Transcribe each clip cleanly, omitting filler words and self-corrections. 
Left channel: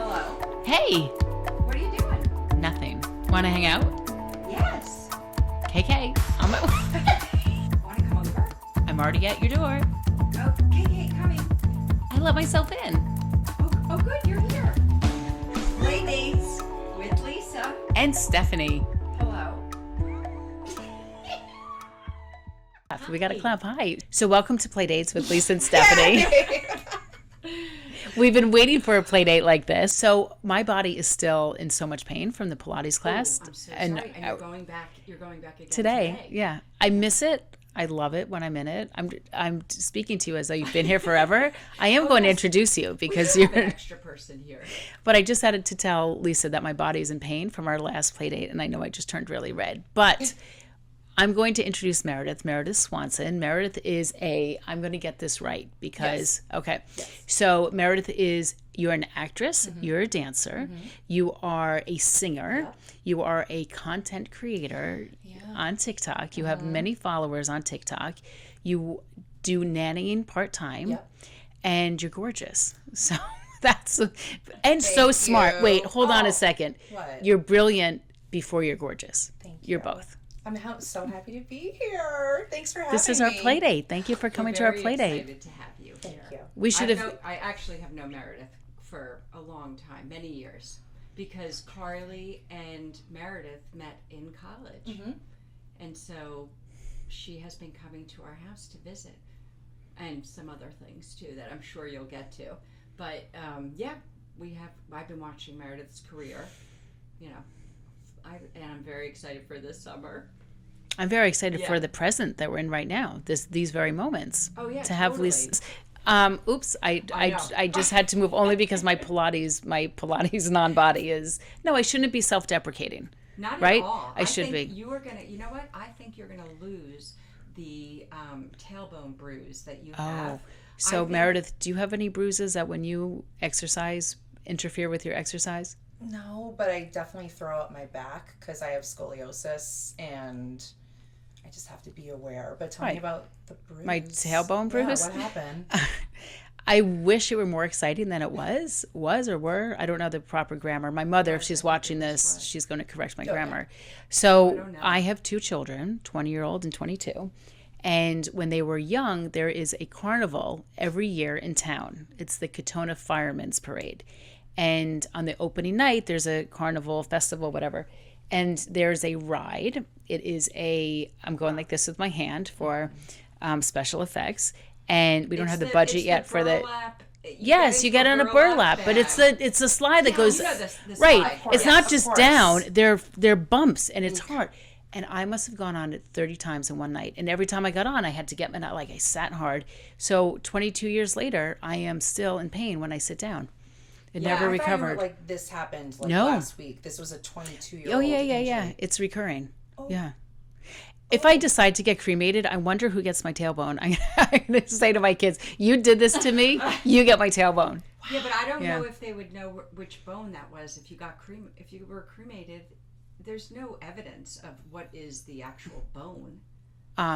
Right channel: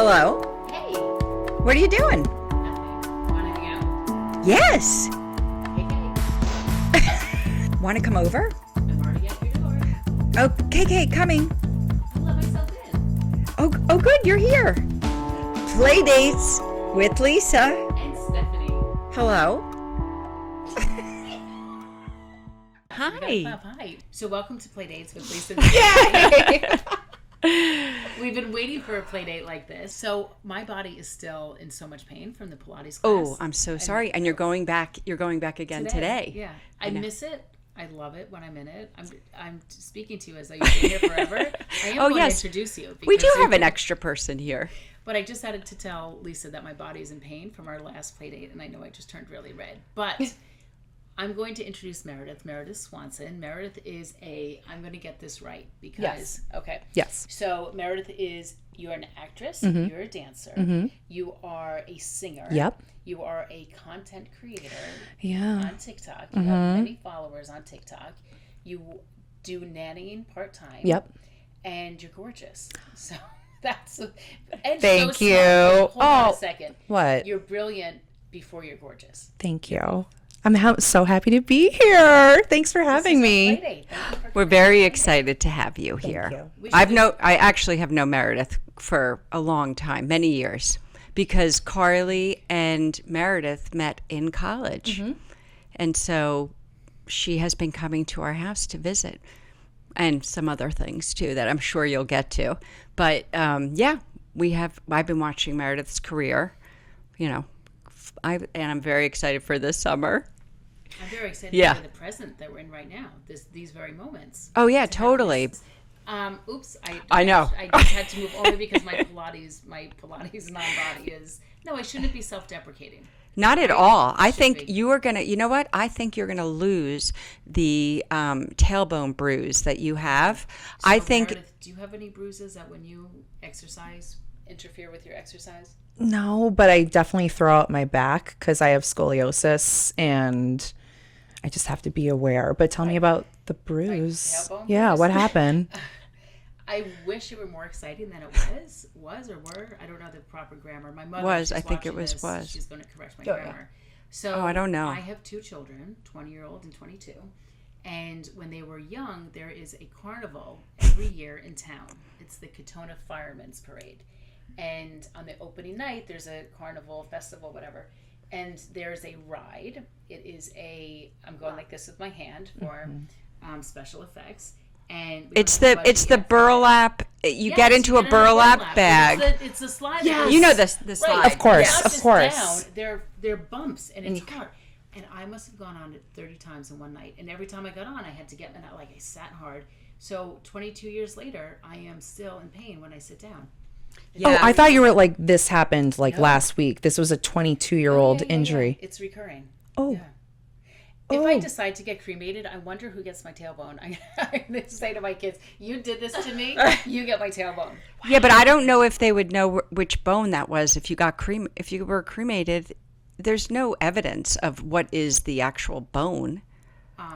Hello. Hey. What are you doing? Nothing. Want to hang out? Yes. KK, Want to come over? I'm already at your door. Oh, KK, coming. I let myself in. Oh, good, you're here. Playdates with Lisa. And Stephanie. Hello. Hi. We got to clap. Hi. So welcome to Playdates with Lisa and Stephanie. We've been waiting for a play date like this. So my body is still in so much pain from the Pilates class. Oh, I'm so sorry. And you're going back again today. Yeah. I miss it. I love it when I'm in it. I'm speaking to you as though you've been here forever. I am going to introduce you because we do have an extra person here. But I just had to tell Lisa that my body is in pain from our last play date, and I know I just turned really red. But I'm going to introduce Meredith Swanson. Meredith is I'm going to get this right because, okay. Yes. So Meredith you're an actress, you're a dancer, you are a singer, Yep. You are a content creator on TikTok. You have many followers on TikTok. You do nannying part-time. Yep. And you're gorgeous. So that's, and Thank so you. smart. Wait, hold on a second. What? You're brilliant before you're gorgeous. Thank you. You're both. I'm so happy to be here. Thanks for This having is me. our play date. Thank you for We're coming. very to our play date. excited to have you here. you. I actually have known Meredith for a long time, many years, because Carly and Meredith met in college. And so she has been coming to our house to visit and some other things too that I'm sure you'll get to. But I've been watching Meredith's career, and I'm very excited for this summer. I'm very excited for the present that we're in right now. These very moments. Oh yeah, to have totally. Oops, I know. I just had to move only because my Pilates non-body is I shouldn't be self-deprecating. Not at right? all. I should think be. you are gonna. You know what? I think you're gonna lose the tailbone bruise that you have. So I think. Meredith, do you have any bruises that when you exercise interfere with your exercise? No, but I definitely throw out my back because I have scoliosis and I just have to be aware. But tell me about the bruise. My tailbone Yeah, bruise? what happened? I wish it were more exciting than it was or were. I don't know the proper grammar. My mother, if I she's think watching it this, was. she's going to correct my grammar. So I don't know. I have two children, 20-year-old and 22. And when they were young, there is a carnival every year in town. It's the Katona Firemen's Parade. And on the opening night, there's a carnival, festival, whatever. And there's a ride. It is I'm going like this with my hand for special effects. And we don't have the budget it's the yet for burlap. You Yes, get into you a get on burlap bag. But it's a slide that goes. You know this right? slide. Of course. It's not of just course. down. They're bumps, and it's hard. And I must have gone on it 30 times in one night. And every time I got on, I had to get I sat hard. So 22 years later, I am still in pain when I sit down. I thought you were like, this happened No. last week. This was a 22-year-old injury. Yeah. It's recurring. Oh. Yeah. If I decide to get cremated, I wonder who gets my tailbone. I'm going to say to my kids, you did this to me, you get my tailbone. Yeah, but I don't know if they would know which bone that was if you were cremated. There's no evidence of what is the actual bone.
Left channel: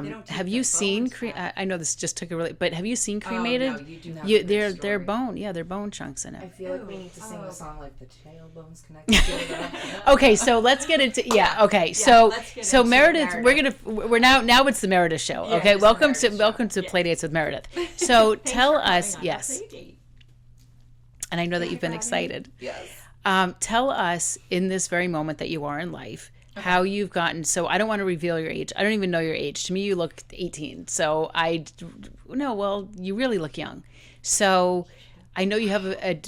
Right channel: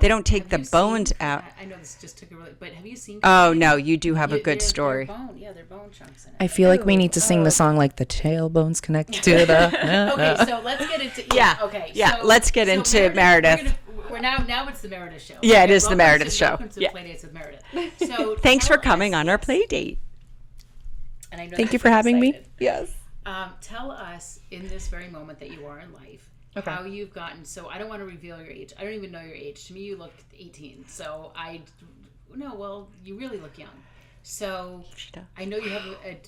They don't take the bones out. I know this just took a really, but have you seen Oh cremated? no, you do have a good story. They're bone, they're bone chunks in it. I feel like we need to sing the song like the tailbone's connected to the... Okay, so let's get into okay. Yeah, So let's get into Meredith. Meredith. We're now it's the Meredith show. Yeah, okay? it is the Meredith show. Welcome to Playdates with Meredith. So Thanks tell for coming us, on our play date. And I know Thank that you you've for been having excited. me. Yes. Tell us in this very moment that you are in life. How you've gotten, so I don't want to reveal your age. I don't even know your age. To me, you look 18. So you really look young. So I know you have a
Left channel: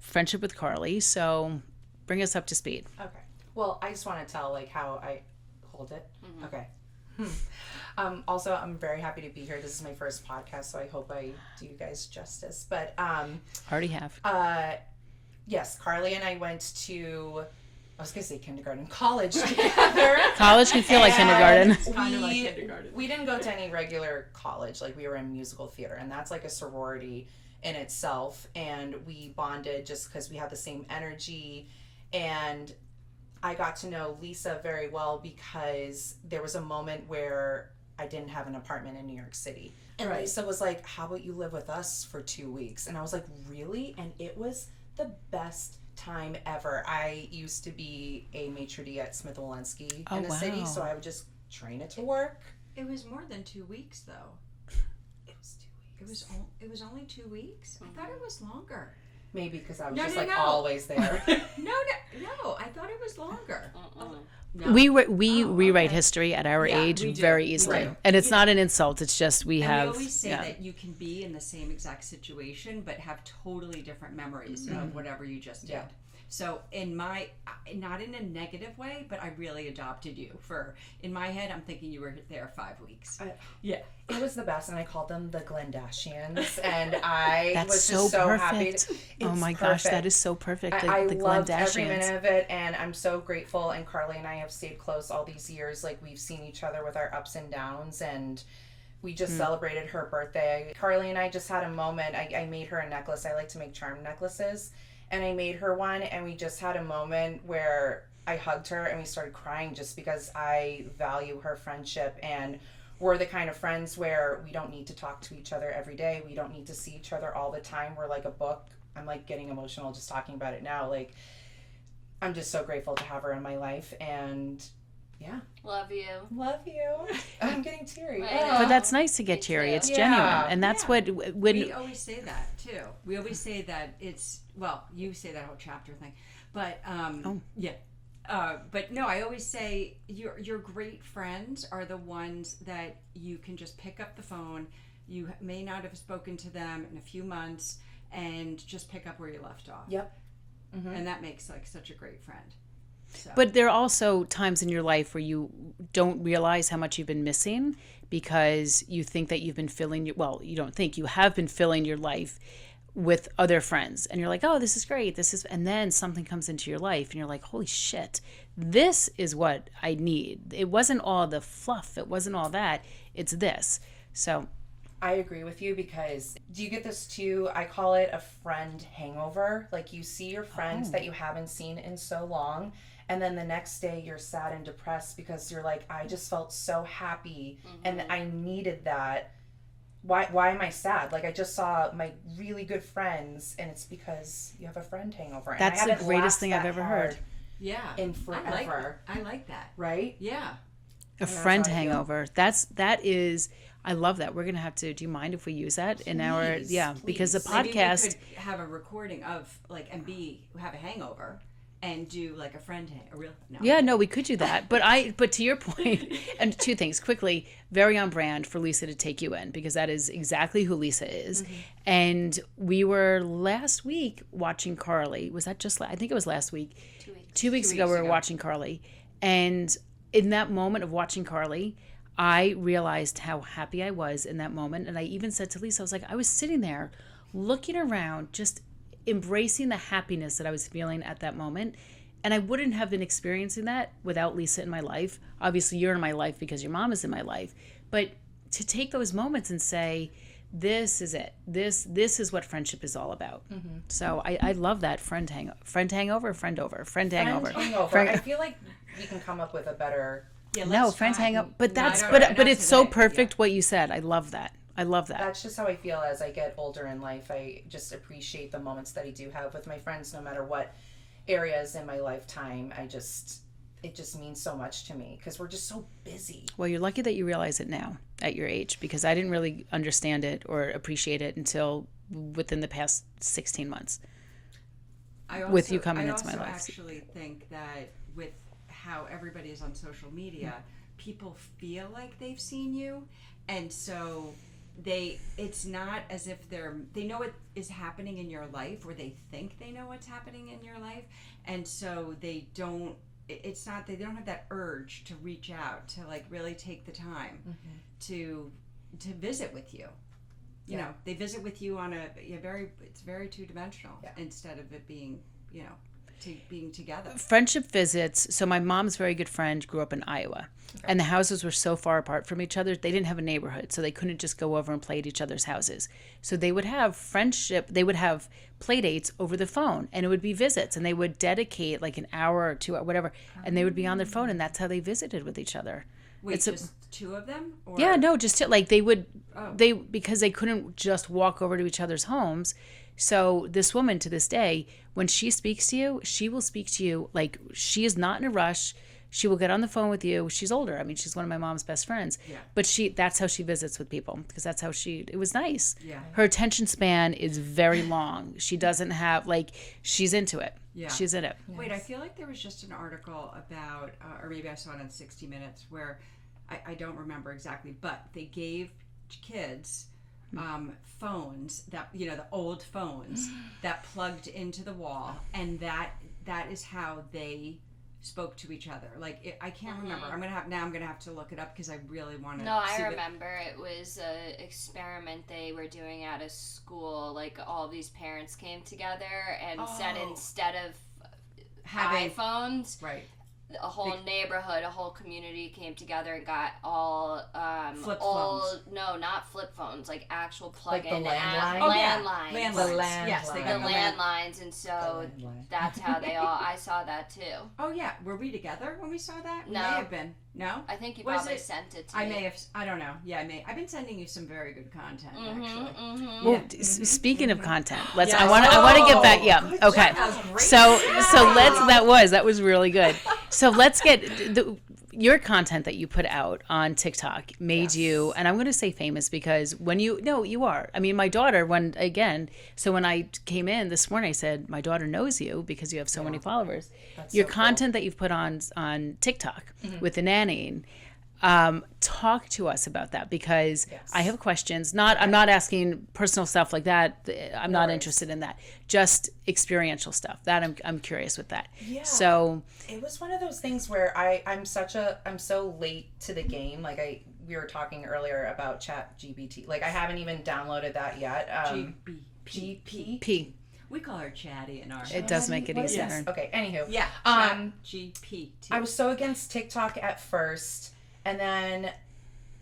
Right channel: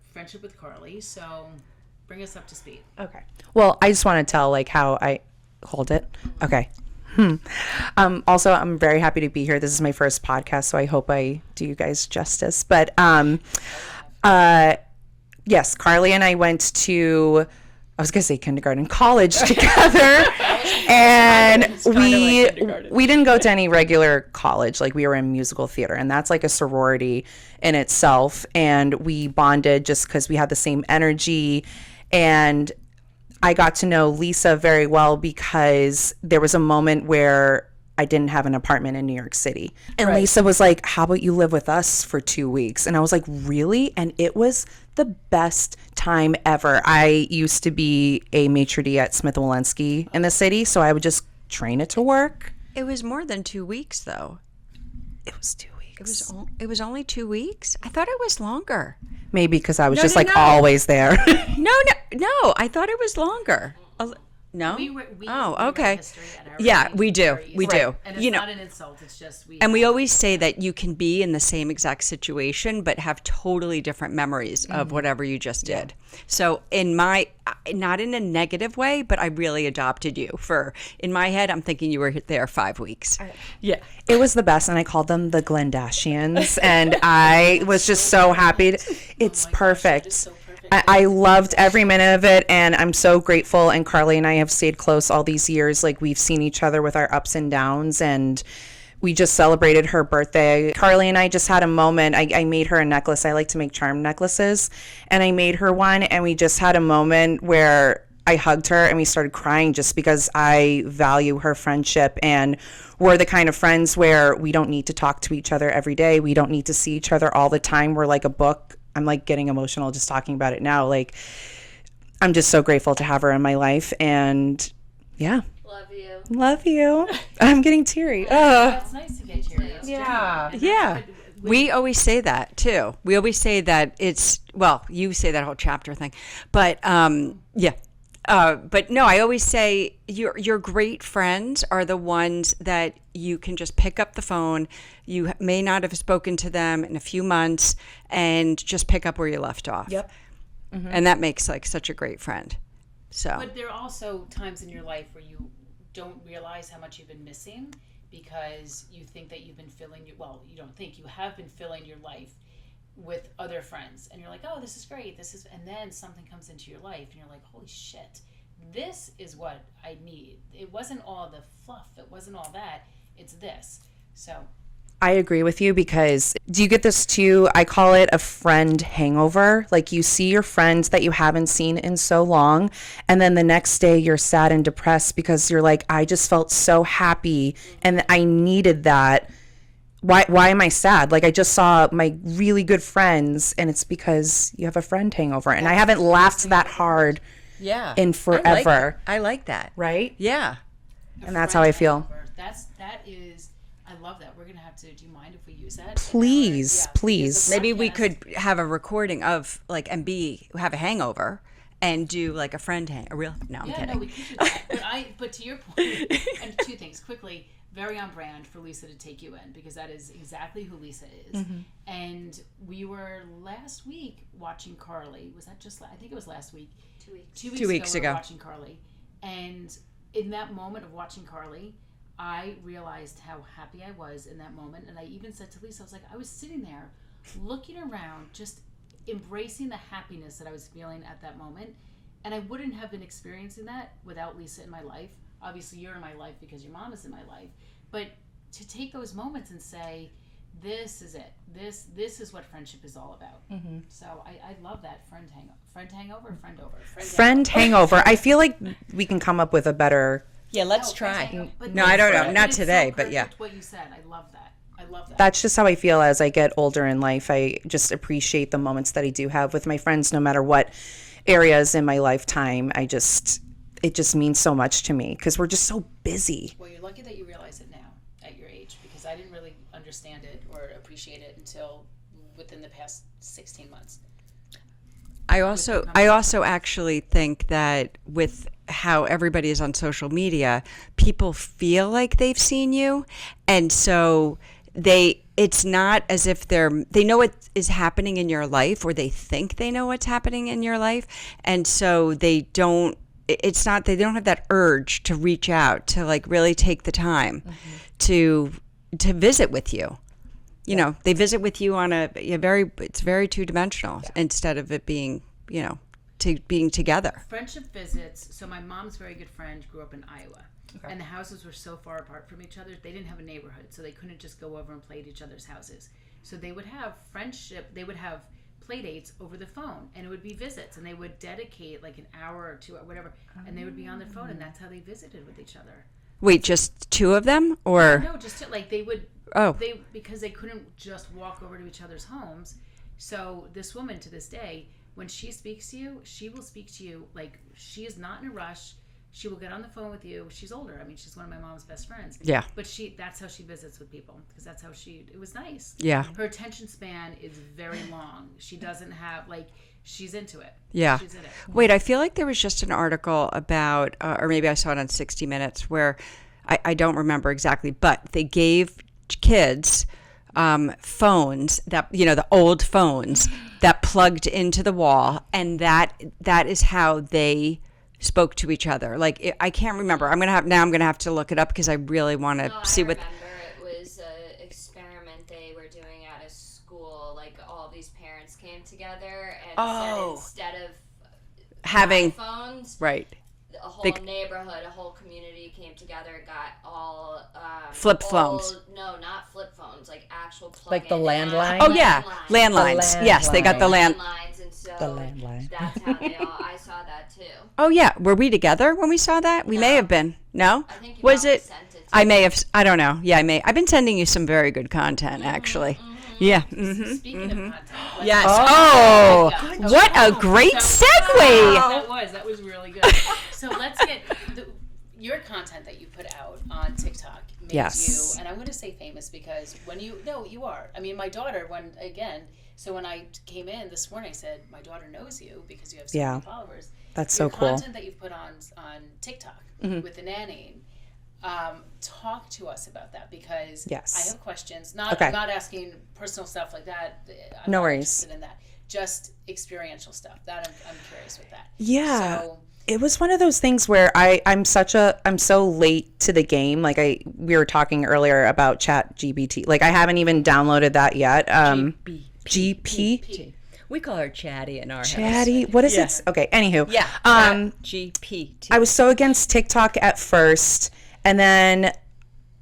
friendship with Carly. So bring us up to speed. Okay. Well, I just want to tell how I hold it. Okay. Also, I'm very happy to be here. This is my first podcast, so I hope I do you guys justice. But Already have. yes, Carly and I went to, I was gonna say college together. College can feel and like kindergarten. we didn't go to any regular college. We were in musical theater, and that's like a sorority in itself. And we bonded just because we had the same energy. And I got to know Lisa very well because there was a moment where I didn't have an apartment in New York City. And Lisa was like, how about you live with us for 2 weeks? And I was like, really? And it was the best time ever. I used to be a maitre d' at Smith & Wollensky in the city, so I would just train it to work. It was more than 2 weeks, though. It was 2 weeks. It was only 2 weeks? I thought it was longer. Maybe because I was No, just no, like no. always there. No, I thought it was longer. No? We Oh, rewrite okay. history at our Yeah, age. we do. Very We easily. do. And it's You know- not an insult. It's just we And we have- always say yeah. that you can be in the same exact situation, but have totally different memories of whatever you just did. So not in a negative way, but I really adopted you in my head, I'm thinking you were there 5 weeks. Yeah. It was the best, and I called them the Glendashians, and I was just so happy. It's oh my perfect. Gosh, that is so perfect. I love the loved every Kardashians. minute of it, and I'm so grateful. And Carly and I have stayed close all these years. Like, we've seen each other with our ups and downs, and we just celebrated her birthday. Carly and I just had a moment. I made her a necklace. I like to make charm necklaces, and I made her one, and we just had a moment where I hugged her and we started crying just because I value her friendship, and we're the kind of friends where we don't need to talk to each other every day. We don't need to see each other all the time. We're like a book. I'm like getting emotional just talking about it now. Like, I'm just so grateful to have her in my life, and yeah. Love you. I'm getting teary. But that's nice to get cheery. It's genuine. And that's what We always say that too. We always say that you say that whole chapter thing, but yeah. But no, I always say your great friends are the ones that you can just pick up the phone. You may not have spoken to them in a few months, and just pick up where you left off. Yep. And that makes like such a great friend. So, But there are also times in your life where you don't realize how much you've been missing because you think that you've been filling you don't think, you have been filling your life with other friends, and you're like, oh, this is great, and then something comes into your life and you're like, holy shit, this is what I need. It wasn't all the fluff, it wasn't all that, it's this. So I agree with you, because do you get this too? I call it a friend hangover. Like, you see your friends that you haven't seen in so long, and then the next day you're sad and depressed because you're like, I just felt so happy and I needed that. Why am I sad? Like, I just saw my really good friends, and it's because you have a friend hangover, and I That's haven't the greatest laughed thing I've that ever hard yeah, in forever. I like that. Right? Yeah. a And that's friend how I feel. hangover. That is, I love that. We're gonna have to. Do you mind if we use that? Please, because please. the Maybe we podcast- could have a recording of like have a hangover and do like a real no. I'm Yeah, kidding. no, we could do that. But to your point, and two things quickly, very on brand for Lisa to take you in, because that is exactly who Lisa is. And we were last week watching Carly. Was that I think it was last week. 2 weeks ago, we were watching Carly. And in that moment of watching Carly, I realized how happy I was in that moment. And I even said to Lisa, I was like, I was sitting there looking around, just embracing the happiness that I was feeling at that moment. And I wouldn't have been experiencing that without Lisa in my life. Obviously, you're in my life because your mom is in my life. But to take those moments and say, this is it. This is what friendship is all about. So I love that friend hangover. I feel like we can come up with a better. Yeah, let's friend try. hangover. But No, I don't know. Not But it's today, so but perfect yeah. what you said. I love that. That's just how I feel as I get older in life. I just appreciate the moments that I do have with my friends, no matter what areas in my lifetime. It just means so much to me because we're just so busy. Well, you're lucky that you realize it now at your age, because I didn't really understand it or appreciate it until within the past 16 months. I you also coming into my life. actually think that with how everybody is on social media, people feel like they've seen you, and so it's not as if they know what is happening in your life, or they think they know what's happening in your life, and so they don't have that urge to reach out to like really take the time to visit with you. You know, they visit with you on it's very two-dimensional instead of it being, being together. Friendship visits. So my mom's very good friend grew up in Iowa. And the houses were so far apart from each other, they didn't have a neighborhood, so they couldn't just go over and play at each other's houses. So they would have they would have play dates over the phone, and it would be visits, and they would dedicate like an hour or 2 or whatever, and they would be on their phone, and that's how they visited with each other. Wait, just two of them, or Yeah, no, just like they would. Because they couldn't just walk over to each other's homes. So this woman to this day when she speaks to you, she will speak to you like she is not in a rush. She will get on the phone with you. She's older. I mean, she's one of my mom's best friends. Yeah. But that's how she visits with people, because that's how it was nice. Yeah. Her attention span is very long. She doesn't have, she's into it. Yeah. She's in it. Wait, I feel like there was just an article about, or maybe I saw it on 60 Minutes, where I don't remember exactly, but they gave kids phones that, the old phones that plugged into the wall, and that is how they spoke to each other. I can't remember. I'm gonna have to look it up because I really want to see what. I remember it was an experiment they were doing at a school. Like, all these parents came together and said instead of Having iPhones, right. a whole neighborhood, a whole community came together and got all flip phones. No, not flip phones, like actual plug-in. Like the landline? Oh yeah, landlines. Yes, they got the landlines, and so that's how they all. I saw that too. Oh yeah, were we together when we saw that? We may have been. No, I think you was probably it? Sent it to I me. may have. I don't know. Yeah, I may. I've been sending you some very good content, actually. Yeah. Speaking of content, let's. Yes. I want to get back. Yeah. Okay. What a great segue! That was really good. So let's get your content that you put out on TikTok made you, and I'm going to say famous because you are. I mean, my daughter, when I came in this morning, I said, my daughter knows you because you have so many followers. That's your so cool. content that you've put on TikTok with the nannying. Talk to us about that, because I have questions. I'm not asking personal stuff like that. I'm not interested in that. Just experiential stuff. That I'm curious with that. Yeah. So it was one of those things where I'm so late to the game. We were talking earlier about Chat GPT. I haven't even downloaded that yet. GP. We call her Chatty in our Chatty. What is it? Okay. Anywho. Yeah. GPT. I was so against TikTok at first, and then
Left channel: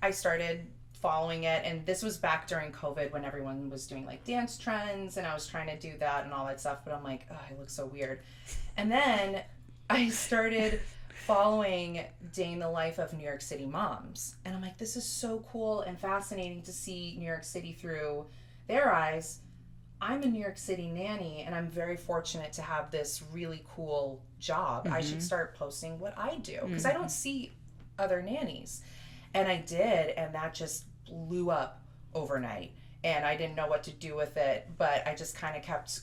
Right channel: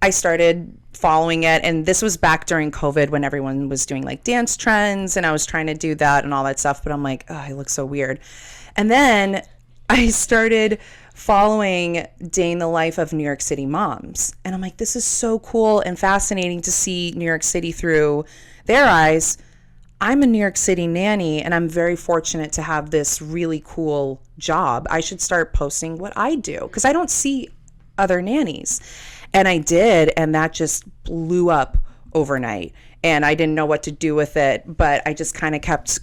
I started following it, and this was back during COVID when everyone was doing dance trends, and I was trying to do that and all that stuff, but I'm like, oh, I look so weird. And then I started following Day in the Life of New York City Moms, and I'm like, this is so cool and fascinating to see New York City through their eyes. I'm a New York City nanny, and I'm very fortunate to have this really cool job. I should start posting what I do, because I don't see other nannies. And I did, and that just blew up overnight. And I didn't know what to do with it, but I just kind of kept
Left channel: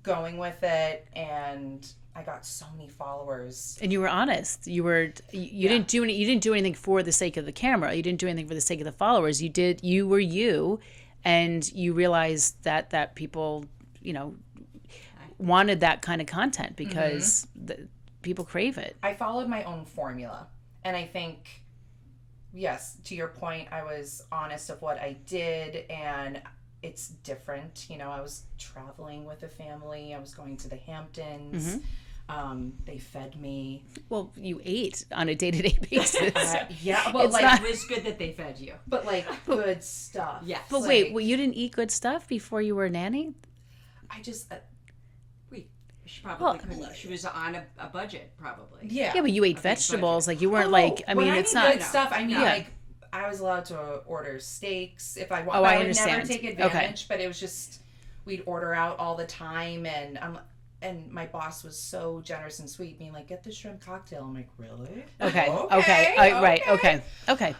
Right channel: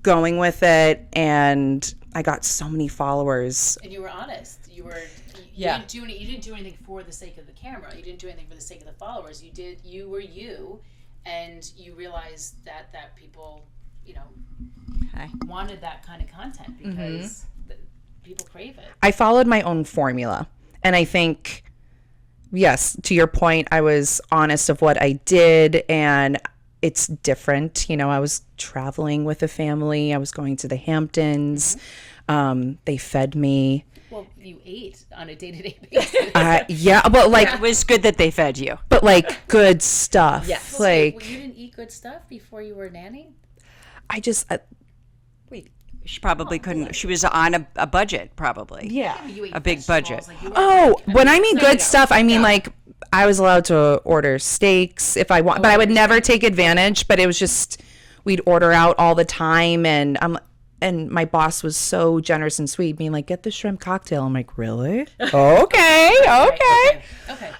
going with it, and I got so many followers. And you were honest. You didn't do anything for the sake of the camera. You didn't do anything for the sake of the followers. You were you, and you realized that people, wanted that kind of content because people crave it. I followed my own formula, and I think, yes, to your point, I was honest of what I did, and it's different. I was traveling with a family. I was going to the Hamptons. They fed me. Well, you ate on a day-to-day basis. Yeah, but It was good that they fed you. but good stuff. Yes. Well, wait, you didn't eat good stuff before you were a nanny? I just She probably couldn't. She was on a budget, probably. yeah. Yeah, but you ate A big vegetables. budget. You weren't When I mean it's not- good stuff, I mean I was allowed to order steaks if I want, but I I would never understand. take advantage. But it was just we'd order out all the time, and my boss was so generous and sweet, being like, "Get the shrimp cocktail." I'm like, "Really? Okay. Okay.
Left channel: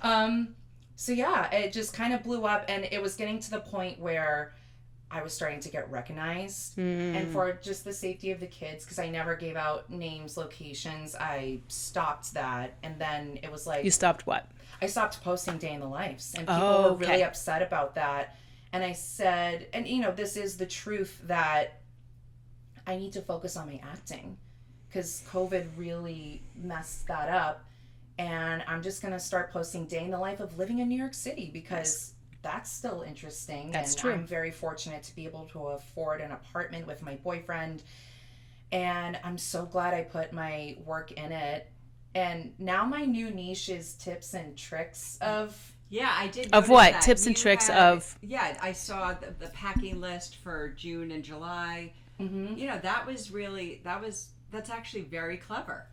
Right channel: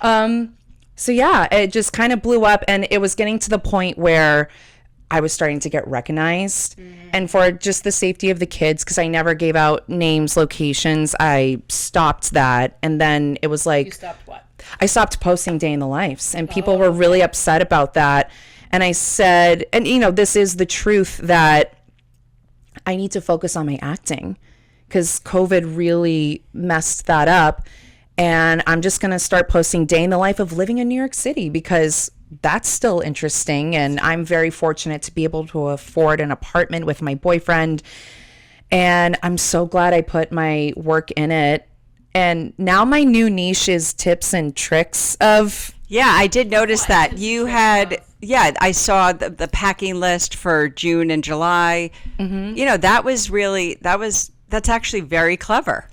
So yeah, it just kind of blew up, and it was getting to the point where I was starting to get recognized. And for just the safety of the kids, because I never gave out names, locations, I stopped that. And then it was like, You stopped what? I stopped posting Day in the Lives, and people were really upset about that. And I said, and this is the truth, that I need to focus on my acting, because COVID really messed that up. And I'm just going to start posting Day in the Life of living in New York City, because that's still interesting. And I'm very fortunate to be able to afford an apartment with my boyfriend. And I'm so glad I put my work in it. And now my new niche is tips and tricks of... Yeah, I did notice what? that. Tips and You tricks had, of- I saw the packing list for June and July. That was really, that's actually very clever.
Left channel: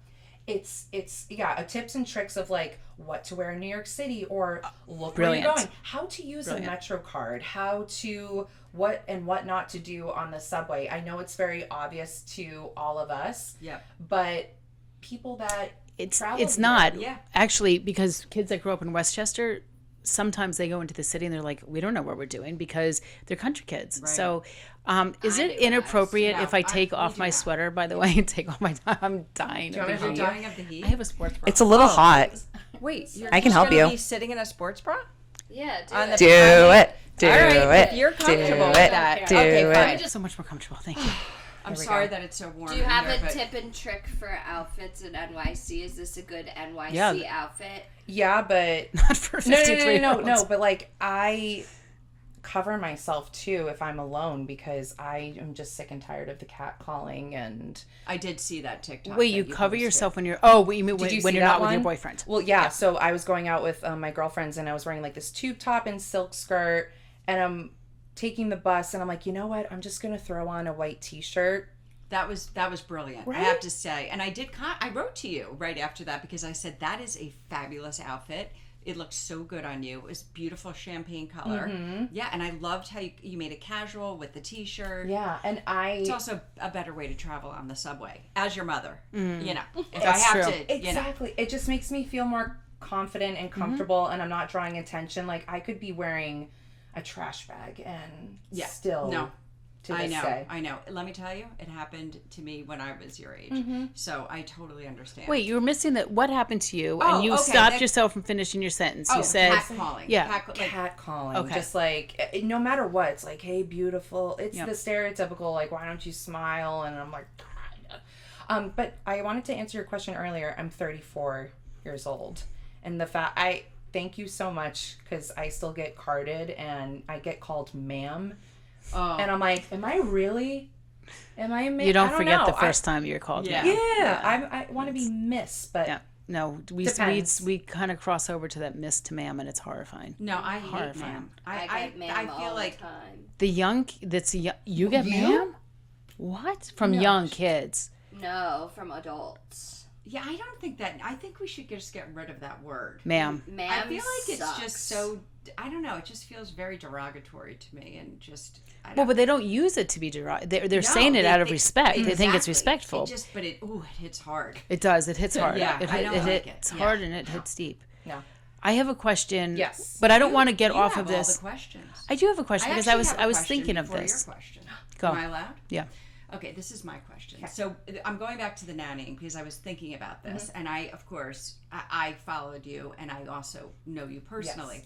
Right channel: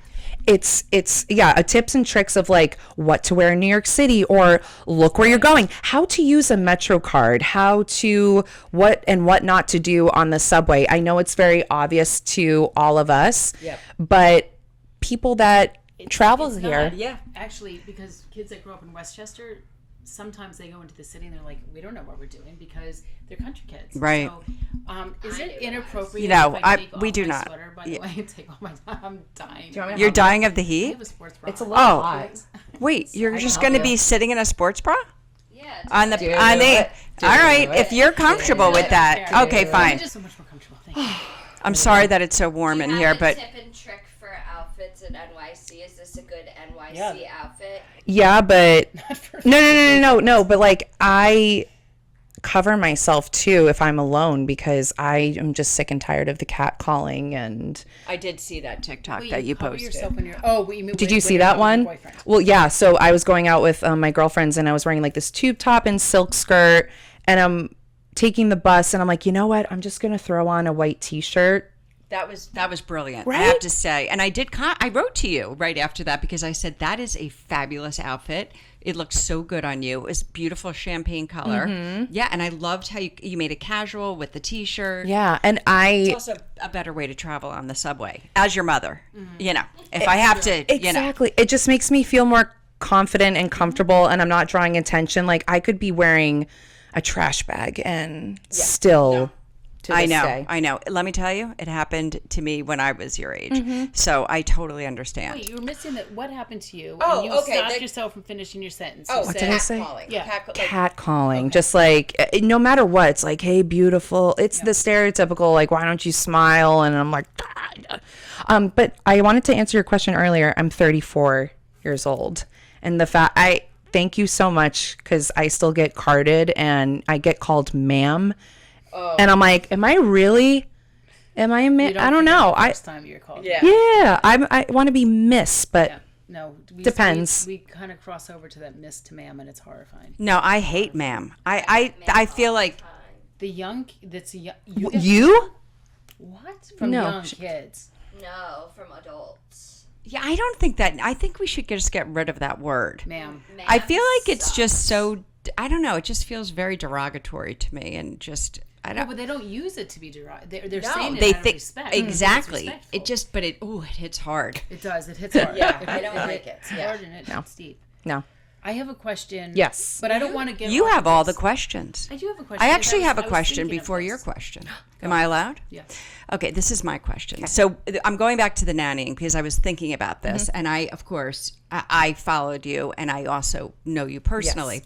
it's yeah, a tips and tricks of like what to wear in New York City, or look where you're going, how to use a Metro card, how to what and what not to do on the subway. I know it's very obvious to all of us, but people that travel It's here, not. Actually, because kids that grow up in Westchester, sometimes they go into the city and they're like, we don't know what we're doing because they're country kids. Right. So is it inappropriate No, if I take we off do my not. sweater, by the way, and take off my, I'm dying. You're dying of the I heat? have a sports bra. it's a little hot. Wait, you're I can just help going to you. be sitting in a sports bra? Yeah. On the, Do on the, it. Do all right, it. if you're comfortable with that. Do Okay, it. fine. I'm just so much more comfortable. Thank you. I'm sorry that it's so warm Do in you here, have a but tip and trick for outfits in NYC? Is this a good NYC Yeah. outfit? Yeah, but Not for no, but like I cover myself too if I'm alone, because I am just sick and tired of the cat calling. And I did see that TikTok Wait, that you you cover posted. yourself when you're. Oh, you mean did when, you when see you're that not with your one? boyfriend? Well, yeah. So I was going out with my girlfriends, and I was wearing like this tube top and silk skirt, and I'm taking the bus, and I'm like, you know what? I'm just gonna throw on a white t-shirt. That was brilliant. I Right? have to say, and I did. I wrote to you right after that because I said that is a fabulous outfit. It looks so good on you. It was beautiful champagne color. Yeah, and I loved how you made it casual with the t-shirt. Yeah, and It's also a better way to travel on the subway as your mother. You know, if I have to, you know. exactly. It just makes me feel more confident and comfortable, and I'm not drawing attention. Like I could be wearing a trash bag and still. To I this know, day. I know. Let me tell you, it happened to me when I was your age. So I totally understand. Wait, you were missing that. What happened to you? Oh, And you okay, stopped that- yourself from finishing your sentence. You did said, I say? calling. Yeah. Cat calling, just like no matter what, it's like, hey, beautiful. It's the stereotypical like, why don't you smile? And I'm like, but I wanted to answer your question earlier. I'm 34 years old, and the fact I thank you so much, because I still get carded and I get called ma'am, and I'm like, am I really? Am I a you ma'am? don't I don't forget know. the first time you're called. Yeah. Yeah, I want to be miss, but Yeah. No, Depends. We kind of cross over to that miss to ma'am, and it's horrifying. No, I hate ma'am. I feel like The young, that's a young, you get You? ma'am? What? From No. young kids. No, from adults. yeah, I don't think that. I think we should just get rid of that word. Ma'am. I feel like it's sucks. just so. I don't know. It just feels very derogatory to me, and just I Well, don't. but they don't use it to be derogatory. They're No, saying it they out of think- respect. They think it's Exactly. respectful. It just, but it hits hard. It does. It hits hard. Yeah, it, I don't like it. It's hard and it hits deep. no. I have a question. Yes. But I don't want to get You off have of all the this. questions. I do have a question. I because actually was- have I a was question thinking of before your this. question. Go. Am I allowed? Yeah. Okay, this is my question. So I'm going back to the nannying because I was thinking about this, and I, of course, I followed you, and I also know you personally.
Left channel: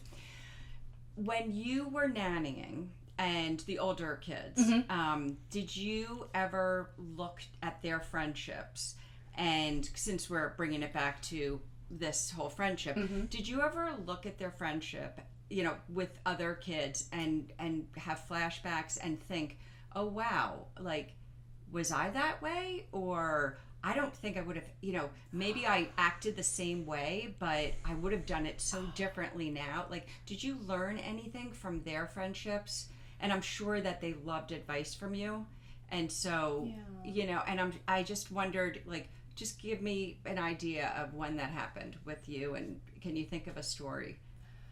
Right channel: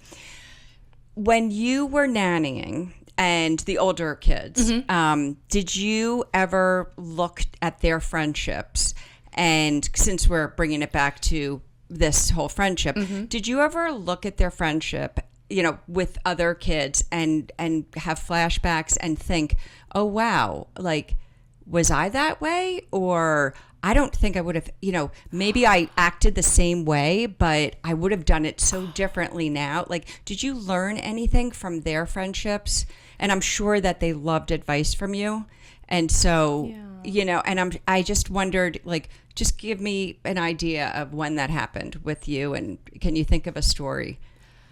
When you were nannying and the older kids, did you ever look at their friendships? And since we're bringing it back to this whole friendship, did you ever look at their friendship, you know, with other kids and have flashbacks and think, oh wow, like, was I that way? Or I don't think I would have, you know, maybe I acted the same way, but I would have done it so differently now. Like, did you learn anything from their friendships? And I'm sure that they loved advice from you. And so, you know, and I just wondered, like, just give me an idea of when that happened with you. And can you think of a story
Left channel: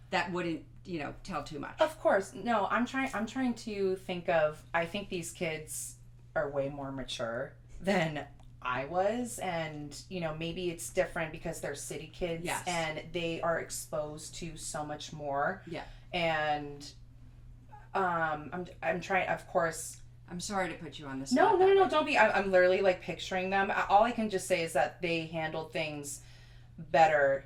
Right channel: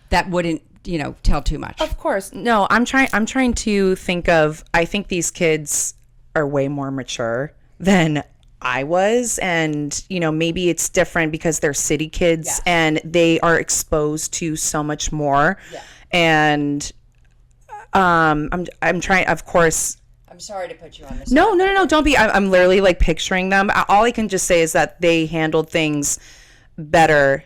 that wouldn't, you know, tell too much? Of course. No, I'm trying to think of, I think these kids are way more mature than I was, and you know, maybe it's different because they're city kids and they are exposed to so much more. And I'm trying, of course. I'm sorry to put you on this. No, don't be. I'm literally like picturing them. All I can just say is that they handled things better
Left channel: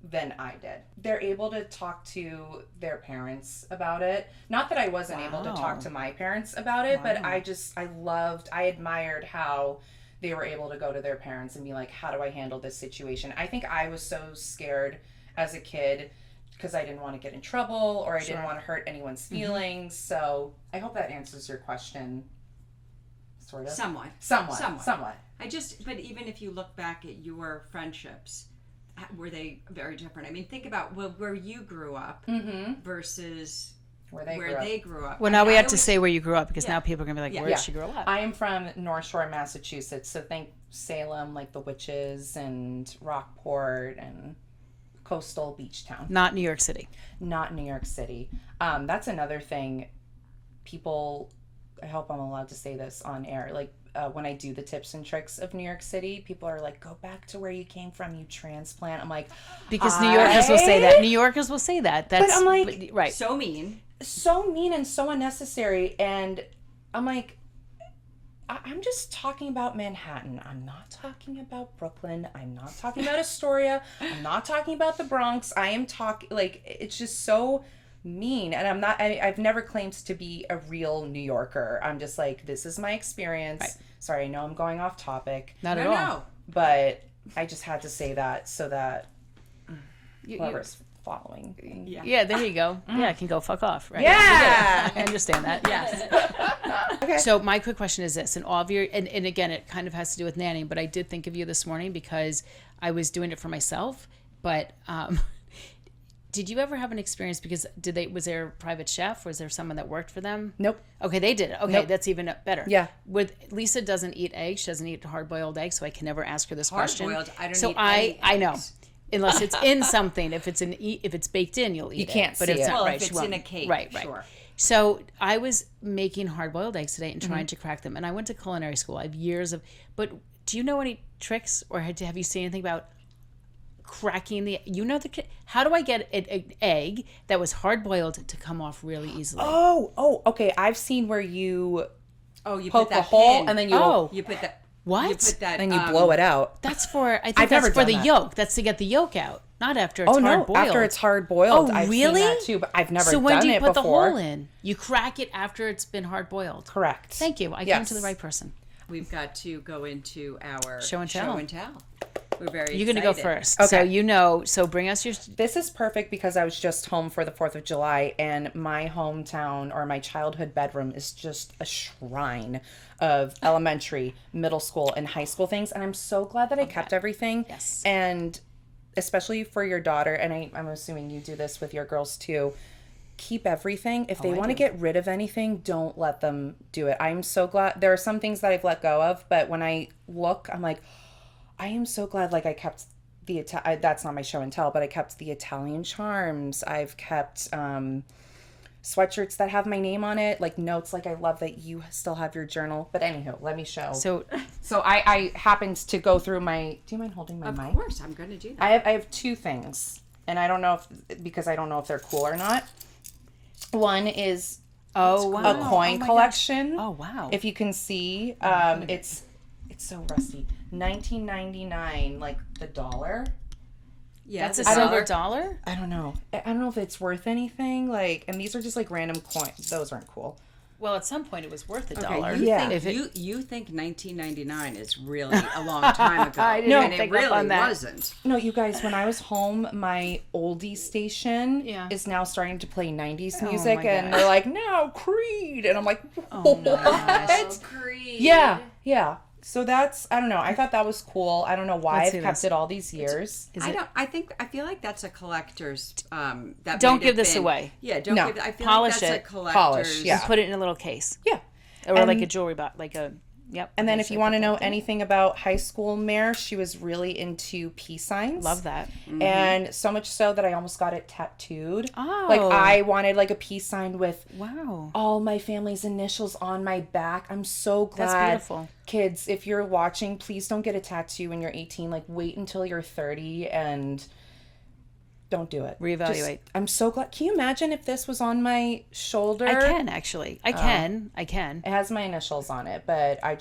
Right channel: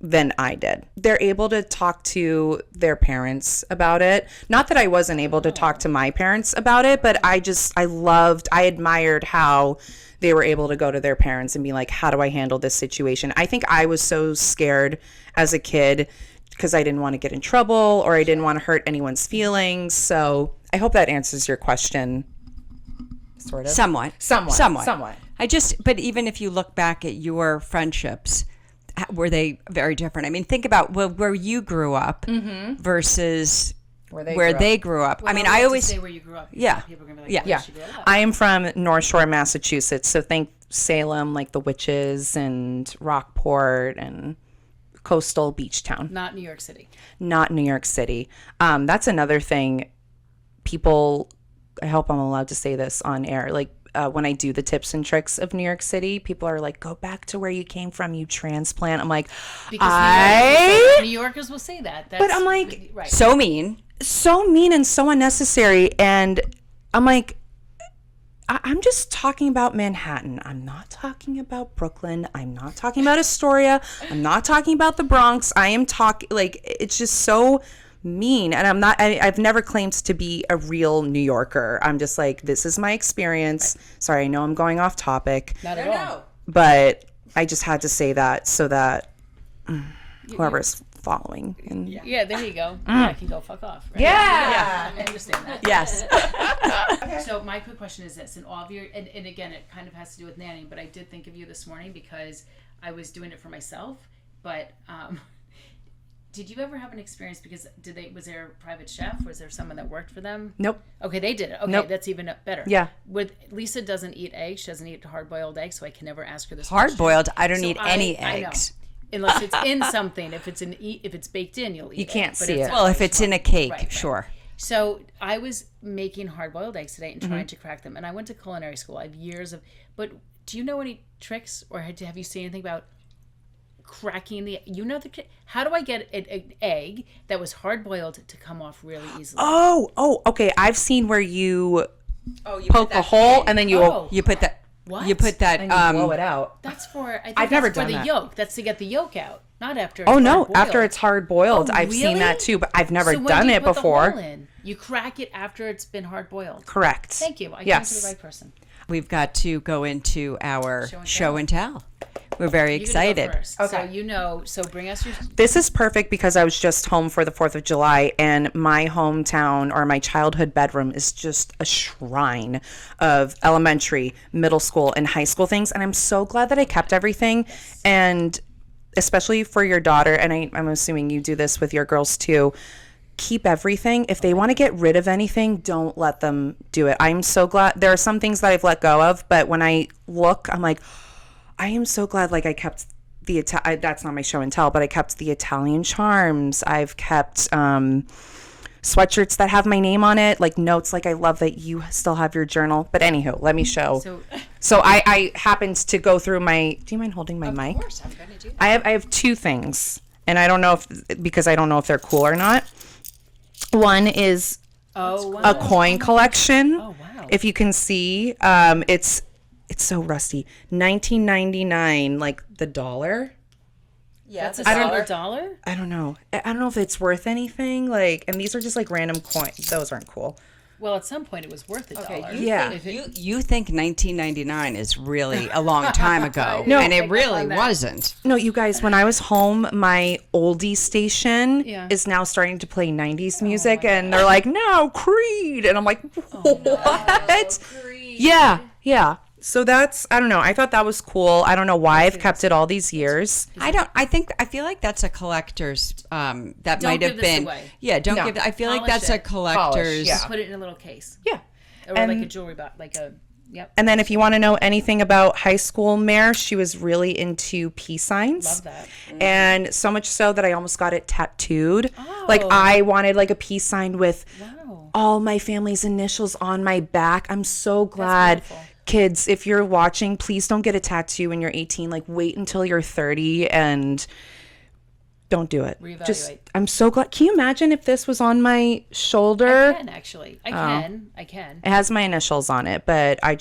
than I did. They're able to talk to their parents about it. Not that I wasn't able to talk to my parents about it, but I admired how they were able to go to their parents and be like, how do I handle this situation? I think I was so scared as a kid because I didn't want to get in trouble or I didn't want to hurt anyone's feelings. So I hope that answers your question. Sort of. Somewhat. Somewhat. But even if you look back at your friendships, were they very different? I mean, think about where you grew up versus where they grew up. Well, I now mean, we I have always to say where you grew up because Yeah. now people are going to be like, Yeah. where did she grow up? I am from North Shore, Massachusetts. So Salem, like the witches and Rockport and coastal beach town. Not New York City. Not New York City. That's another thing. People, I hope I'm allowed to say this on air. Like when I do the tips and tricks of New York City, people are like, "Go back to where you came from, you transplant." I'm like, Because New Yorkers will say that. New Yorkers will say that. That's, but I'm like, right. So mean. so mean and so unnecessary. And I'm like, I'm just talking about Manhattan. I'm not talking about Brooklyn. I'm not talking about Astoria. I'm not talking about the Bronx. I am talking, like, it's just so mean. And I'm not, I've never claimed to be a real New Yorker. I'm just like, this is my experience. Sorry, I know I'm going off topic, Not at all. but I just had to say that so that whoever's following. And Yeah, there you go. Yeah, it can go fuck off. Right? Yeah. I understand that. Yes. So my quick question is this, and all of your, and again, it kind of has to do with nannying, but I did think of you this morning because I was doing it for myself. But did you ever have an experience? Because was there a private chef? Was there someone that worked for them? Nope. Okay, they did it. Okay, Nope. that's even better. Yeah. Lisa doesn't eat eggs. She doesn't eat hard-boiled eggs, so I can never ask her this Hard question. boiled. I don't So eat any I know. eggs. Unless it's in something. If it's baked in, you'll eat it. You can't But see it's it. not Well, if right, it's you in a won't. cake, Right. sure. So I was making hard-boiled eggs today and trying to crack them, and I went to culinary school. I have years of. But do you know any tricks, or have you seen anything about cracking the? You know how do I get an egg that was hard-boiled to come off really easily? Oh, okay. I've seen where you You poke a hole and then you You put that. What? You put that. and you blow it out. That's for. I think I've that's never for done the that. yolk. That's to get the yolk out, not after it's Oh no! hard-boiled. After it's hard boiled, Oh, I've seen really? that too, but I've never So when done do you it put before. the hole in? You crack it after it's been hard boiled. Correct. Thank you. I came Yes. to the right person. We've got to go into our Show and show tell. and tell. We're very You're excited. gonna go first. Okay. So bring us your. This is perfect because I was just home for the 4th of July, and my hometown or my childhood bedroom is just a shrine of elementary, middle school, and high school things. And I'm so glad that I kept everything. Yes. And especially for your daughter, and I'm assuming you do this with your girls too. Keep everything. If they want to get rid of anything, don't let them do it. I'm so glad. There are some things that I've let go of, but when I look, I'm like, I am so glad. Like I kept the that's not my show and tell, but I kept the Italian charms. I've kept sweatshirts that have my name on it, like notes. Like I love that you still have your journal. But anywho, let me show. So I happened to go through my. Do you mind holding my mic? Of course, I'm going to do that. I have two things, and I don't know because I don't know if they're cool or not. One is a coin collection. Oh wow. If you can see, it's so rusty. 1999, like the dollar. Yeah, That's a silver dollar. I don't know. I don't know if it's worth anything. Like, and these are just like random coins. Those aren't cool. Well, at some point it was worth $1. Yeah. You think 1999 is really a long time ago, No. and it pick up really on that. wasn't. No, you guys, when I was home, my oldie station Yeah. is now starting to play 90s music, my and they're like, no, Creed. And I'm like, what? Yeah. So that's, I don't know. I thought that was cool. I don't know why I've kept it all these years. I feel like that's a collector's. That Don't might give have this been. away. Yeah, don't No. give. I feel Polish like that's a it. collector's. Yeah. Put it in a little case, Yeah. or And- like a jewelry box, like a. Yep. And then if you want to know anything about high school Mare, she was really into peace signs. Love that. And so much so that I almost got it tattooed. Oh. Like I wanted like a peace sign with Wow. all my family's initials on my back. I'm so glad. beautiful. Kids, if you're watching, please don't get a tattoo when you're 18. Like wait until you're 30 and don't do it. Reevaluate. I'm so glad. Can you imagine if this was on my shoulder? I can actually. I can. It has my initials on it, but I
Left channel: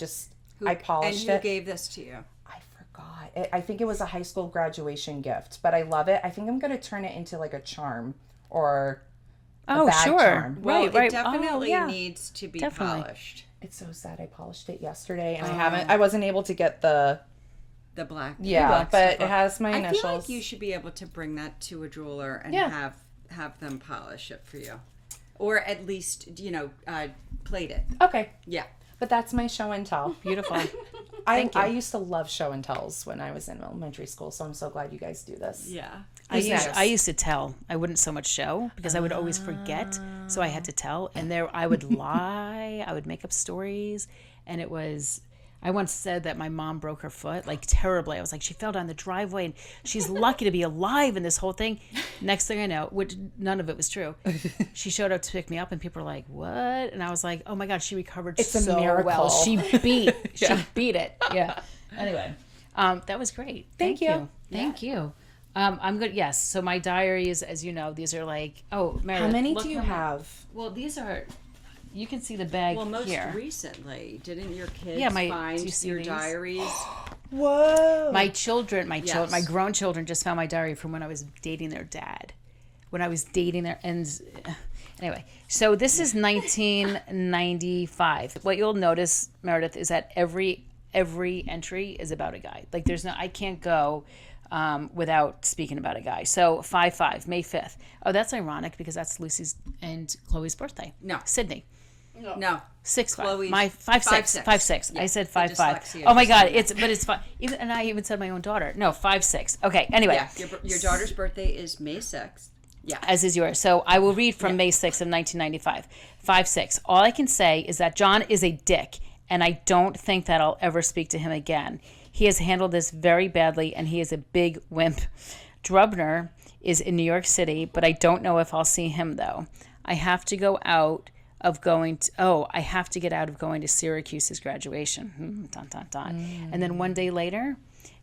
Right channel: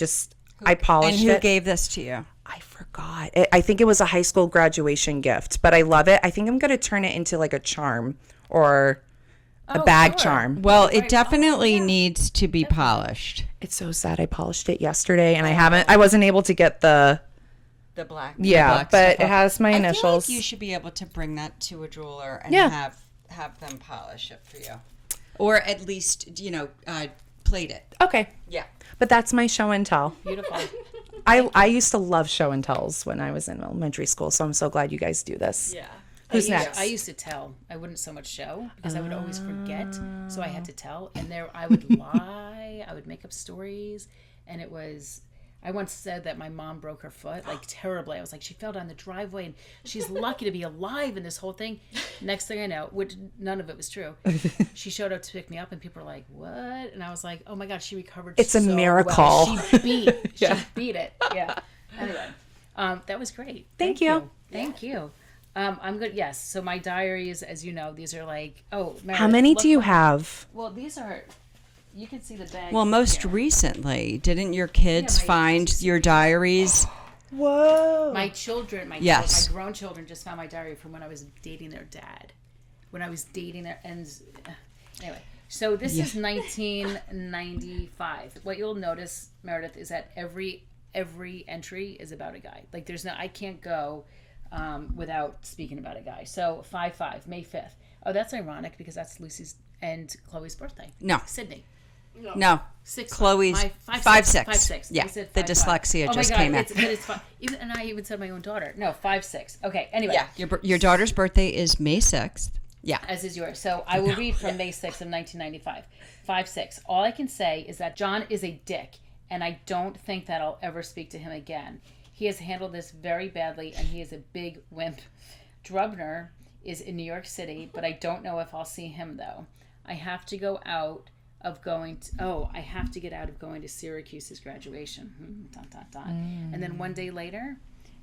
polished And who it. gave this to you? I forgot. I think it was a high school graduation gift, but I love it. I think I'm going to turn it into like a charm or a bag sure. charm. Well, Right. it definitely Oh, yeah. needs to be polished. It's so sad. I polished it yesterday and I wasn't able to get the, The black. but it has my I initials. feel like you should be able to bring that to a jeweler and Yeah. have them polish it for you, or at least plate it. Okay. Yeah. But that's my show and tell. Beautiful. I used to love show and tells when I was in elementary school, so I'm so glad you guys do this. Yeah. I used to tell. I wouldn't so much show because I would always forget. So I had to tell. And I would lie. I would make up stories. And it was, I once said that my mom broke her foot, like terribly. I was like, she fell down the driveway and she's lucky to be alive in this whole thing. Next thing I know, which none of it was true, she showed up to pick me up and people were like, what? And I was like, oh my God, she recovered It's so a miracle. well. She beat it. Yeah. Anyway, that was great. Thank you. Thank you. I'm good. Yes. So my diaries, as you know, these are like, Meredith, How many look do you what- have? Well, these are, you can see the bag. Well, most here. recently, didn't your kids Yeah, do find you see your these? diaries? Whoa. My children, my Yes. grown children just found my diary from when I was dating their dad. When I was dating their anyway. So this is 1995. What you'll notice, Meredith, is that every entry is about a guy. Like I can't go without speaking about a guy. So 5/5, May 5th. Oh, that's ironic because that's Lucy's and Chloe's birthday. No. Sydney. No. 6/5. Chloe's My 5/6. 5/6. 5/6. Yeah, I said the 5/5. dyslexia Oh my just God! came out. It's fine. And I even said my own daughter. No, 5/6. Okay. Anyway. Yeah. Your daughter's birthday is May 6th. Yeah. As is yours. So I will read from May 6th of 1995. 5/6. All I can say is that John is a dick, and I don't think that I'll ever speak to him again. He has handled this very badly, and he is a big wimp. Drubner is in New York City, but I don't know if I'll see him, though. I have to get out of going to Syracuse's graduation. Dun, dun, dun. And then one day later,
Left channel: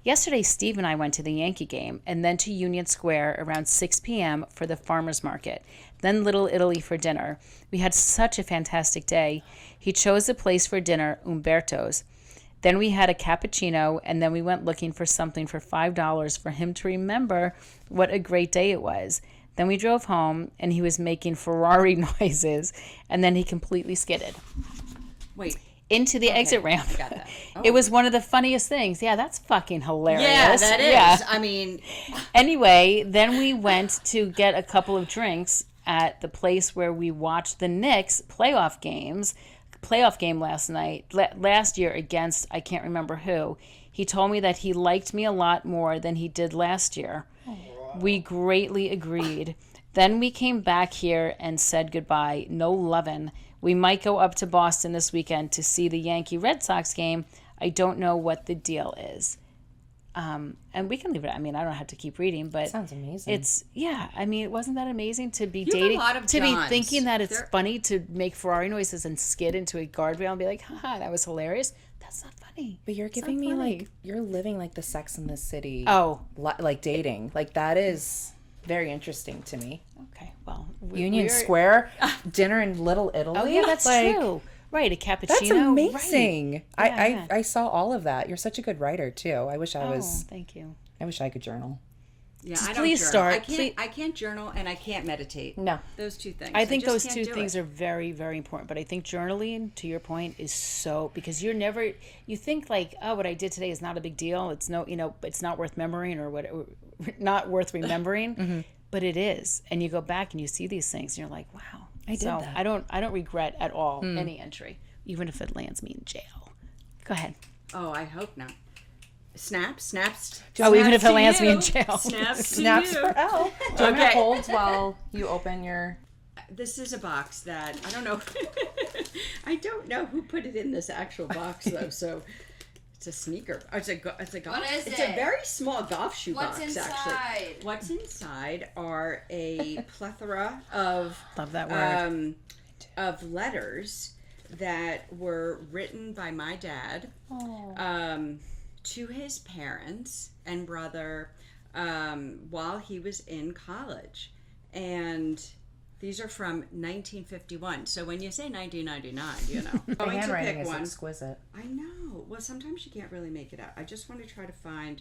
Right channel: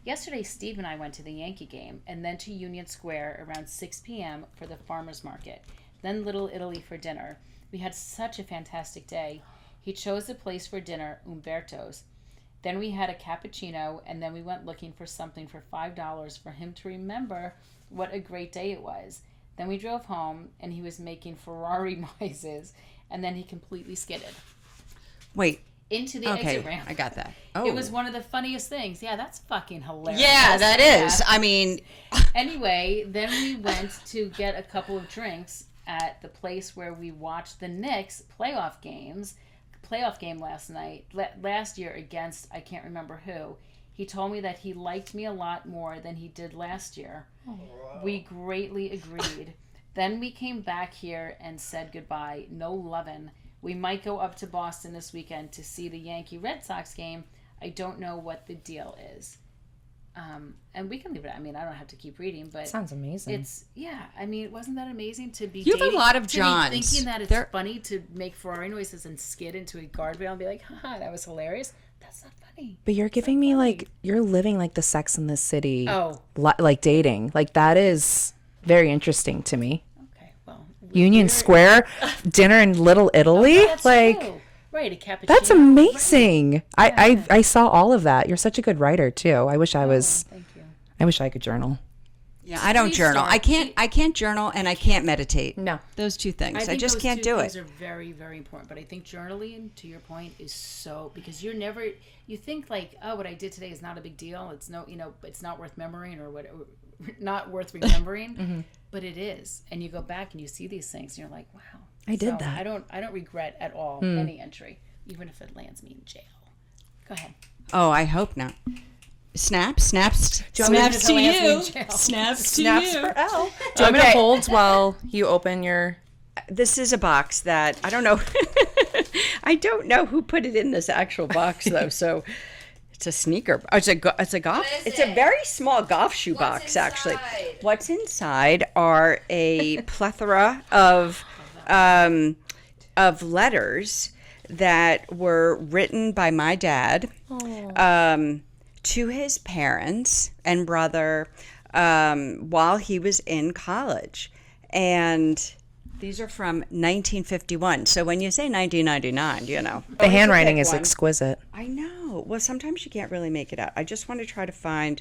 yesterday, Steve and I went to the Yankee game and then to Union Square around 6 p.m. for the farmer's market, then Little Italy for dinner. We had such a fantastic day. He chose a place for dinner, Umberto's. Then we had a cappuccino, and then we went looking for something for $5 for him to remember what a great day it was. Then we drove home, and he was making Ferrari noises, and then he completely skidded Wait. into the exit ramp. I got that. It was one of the funniest things. Yeah, that's fucking hilarious. Yeah, that is. Yeah. I mean, Anyway, then we went to get a couple of drinks at the place where we watched the Knicks playoff game last year against, I can't remember who. He told me that he liked me a lot more than he did last year. We greatly agreed. Then we came back here and said goodbye. No lovin'. We might go up to Boston this weekend to see the Yankee Red Sox game. I don't know what the deal is. And we can leave it. I mean, I don't have to keep reading, but Sounds amazing. I mean, wasn't that amazing to be You have a dating? lot of to Johns. be thinking that it's funny to make Ferrari noises and skid into a guardrail and be like, haha, that was hilarious. That's not funny. But you're giving me like you're living like the Sex in the City. Oh. Like dating. Like that is very interesting to me. Okay, well. Union Square, dinner in Little Italy. That's like true. Right, a cappuccino. that's amazing. I saw all of that. You're such a good writer too. I wish I was. Thank you. I wish I could journal. yeah, I don't please journal. start. I can't journal and I can't meditate. No. Those two things. I think just those can't two do things it. are very, very important. But I think journaling, to your point, is so because you think like, oh, what I did today is not a big deal. It's it's not worth remembering or what, not worth remembering. But it is, and you go back and you see these things, and you're like, wow, I did that. I don't regret at all any entry, even if it lands me in jail. Go ahead. Oh, I hope not. Snaps. Even if it lands me in jail. Snaps For L. Do you want me to hold while you open your? This is a box that I don't know. I don't know who put it in this actual box though. So it's a sneaker. Oh, it's a golf. is It's a it? very small golf shoe What's box actually. inside? What's inside are a plethora of Love that word. of letters that were written by my dad to his parents and brother while he was in college. And these are from 1951. So when you say 1999, you know. The handwriting is exquisite. I know. Well, sometimes you can't really make it out. I just want to try to find.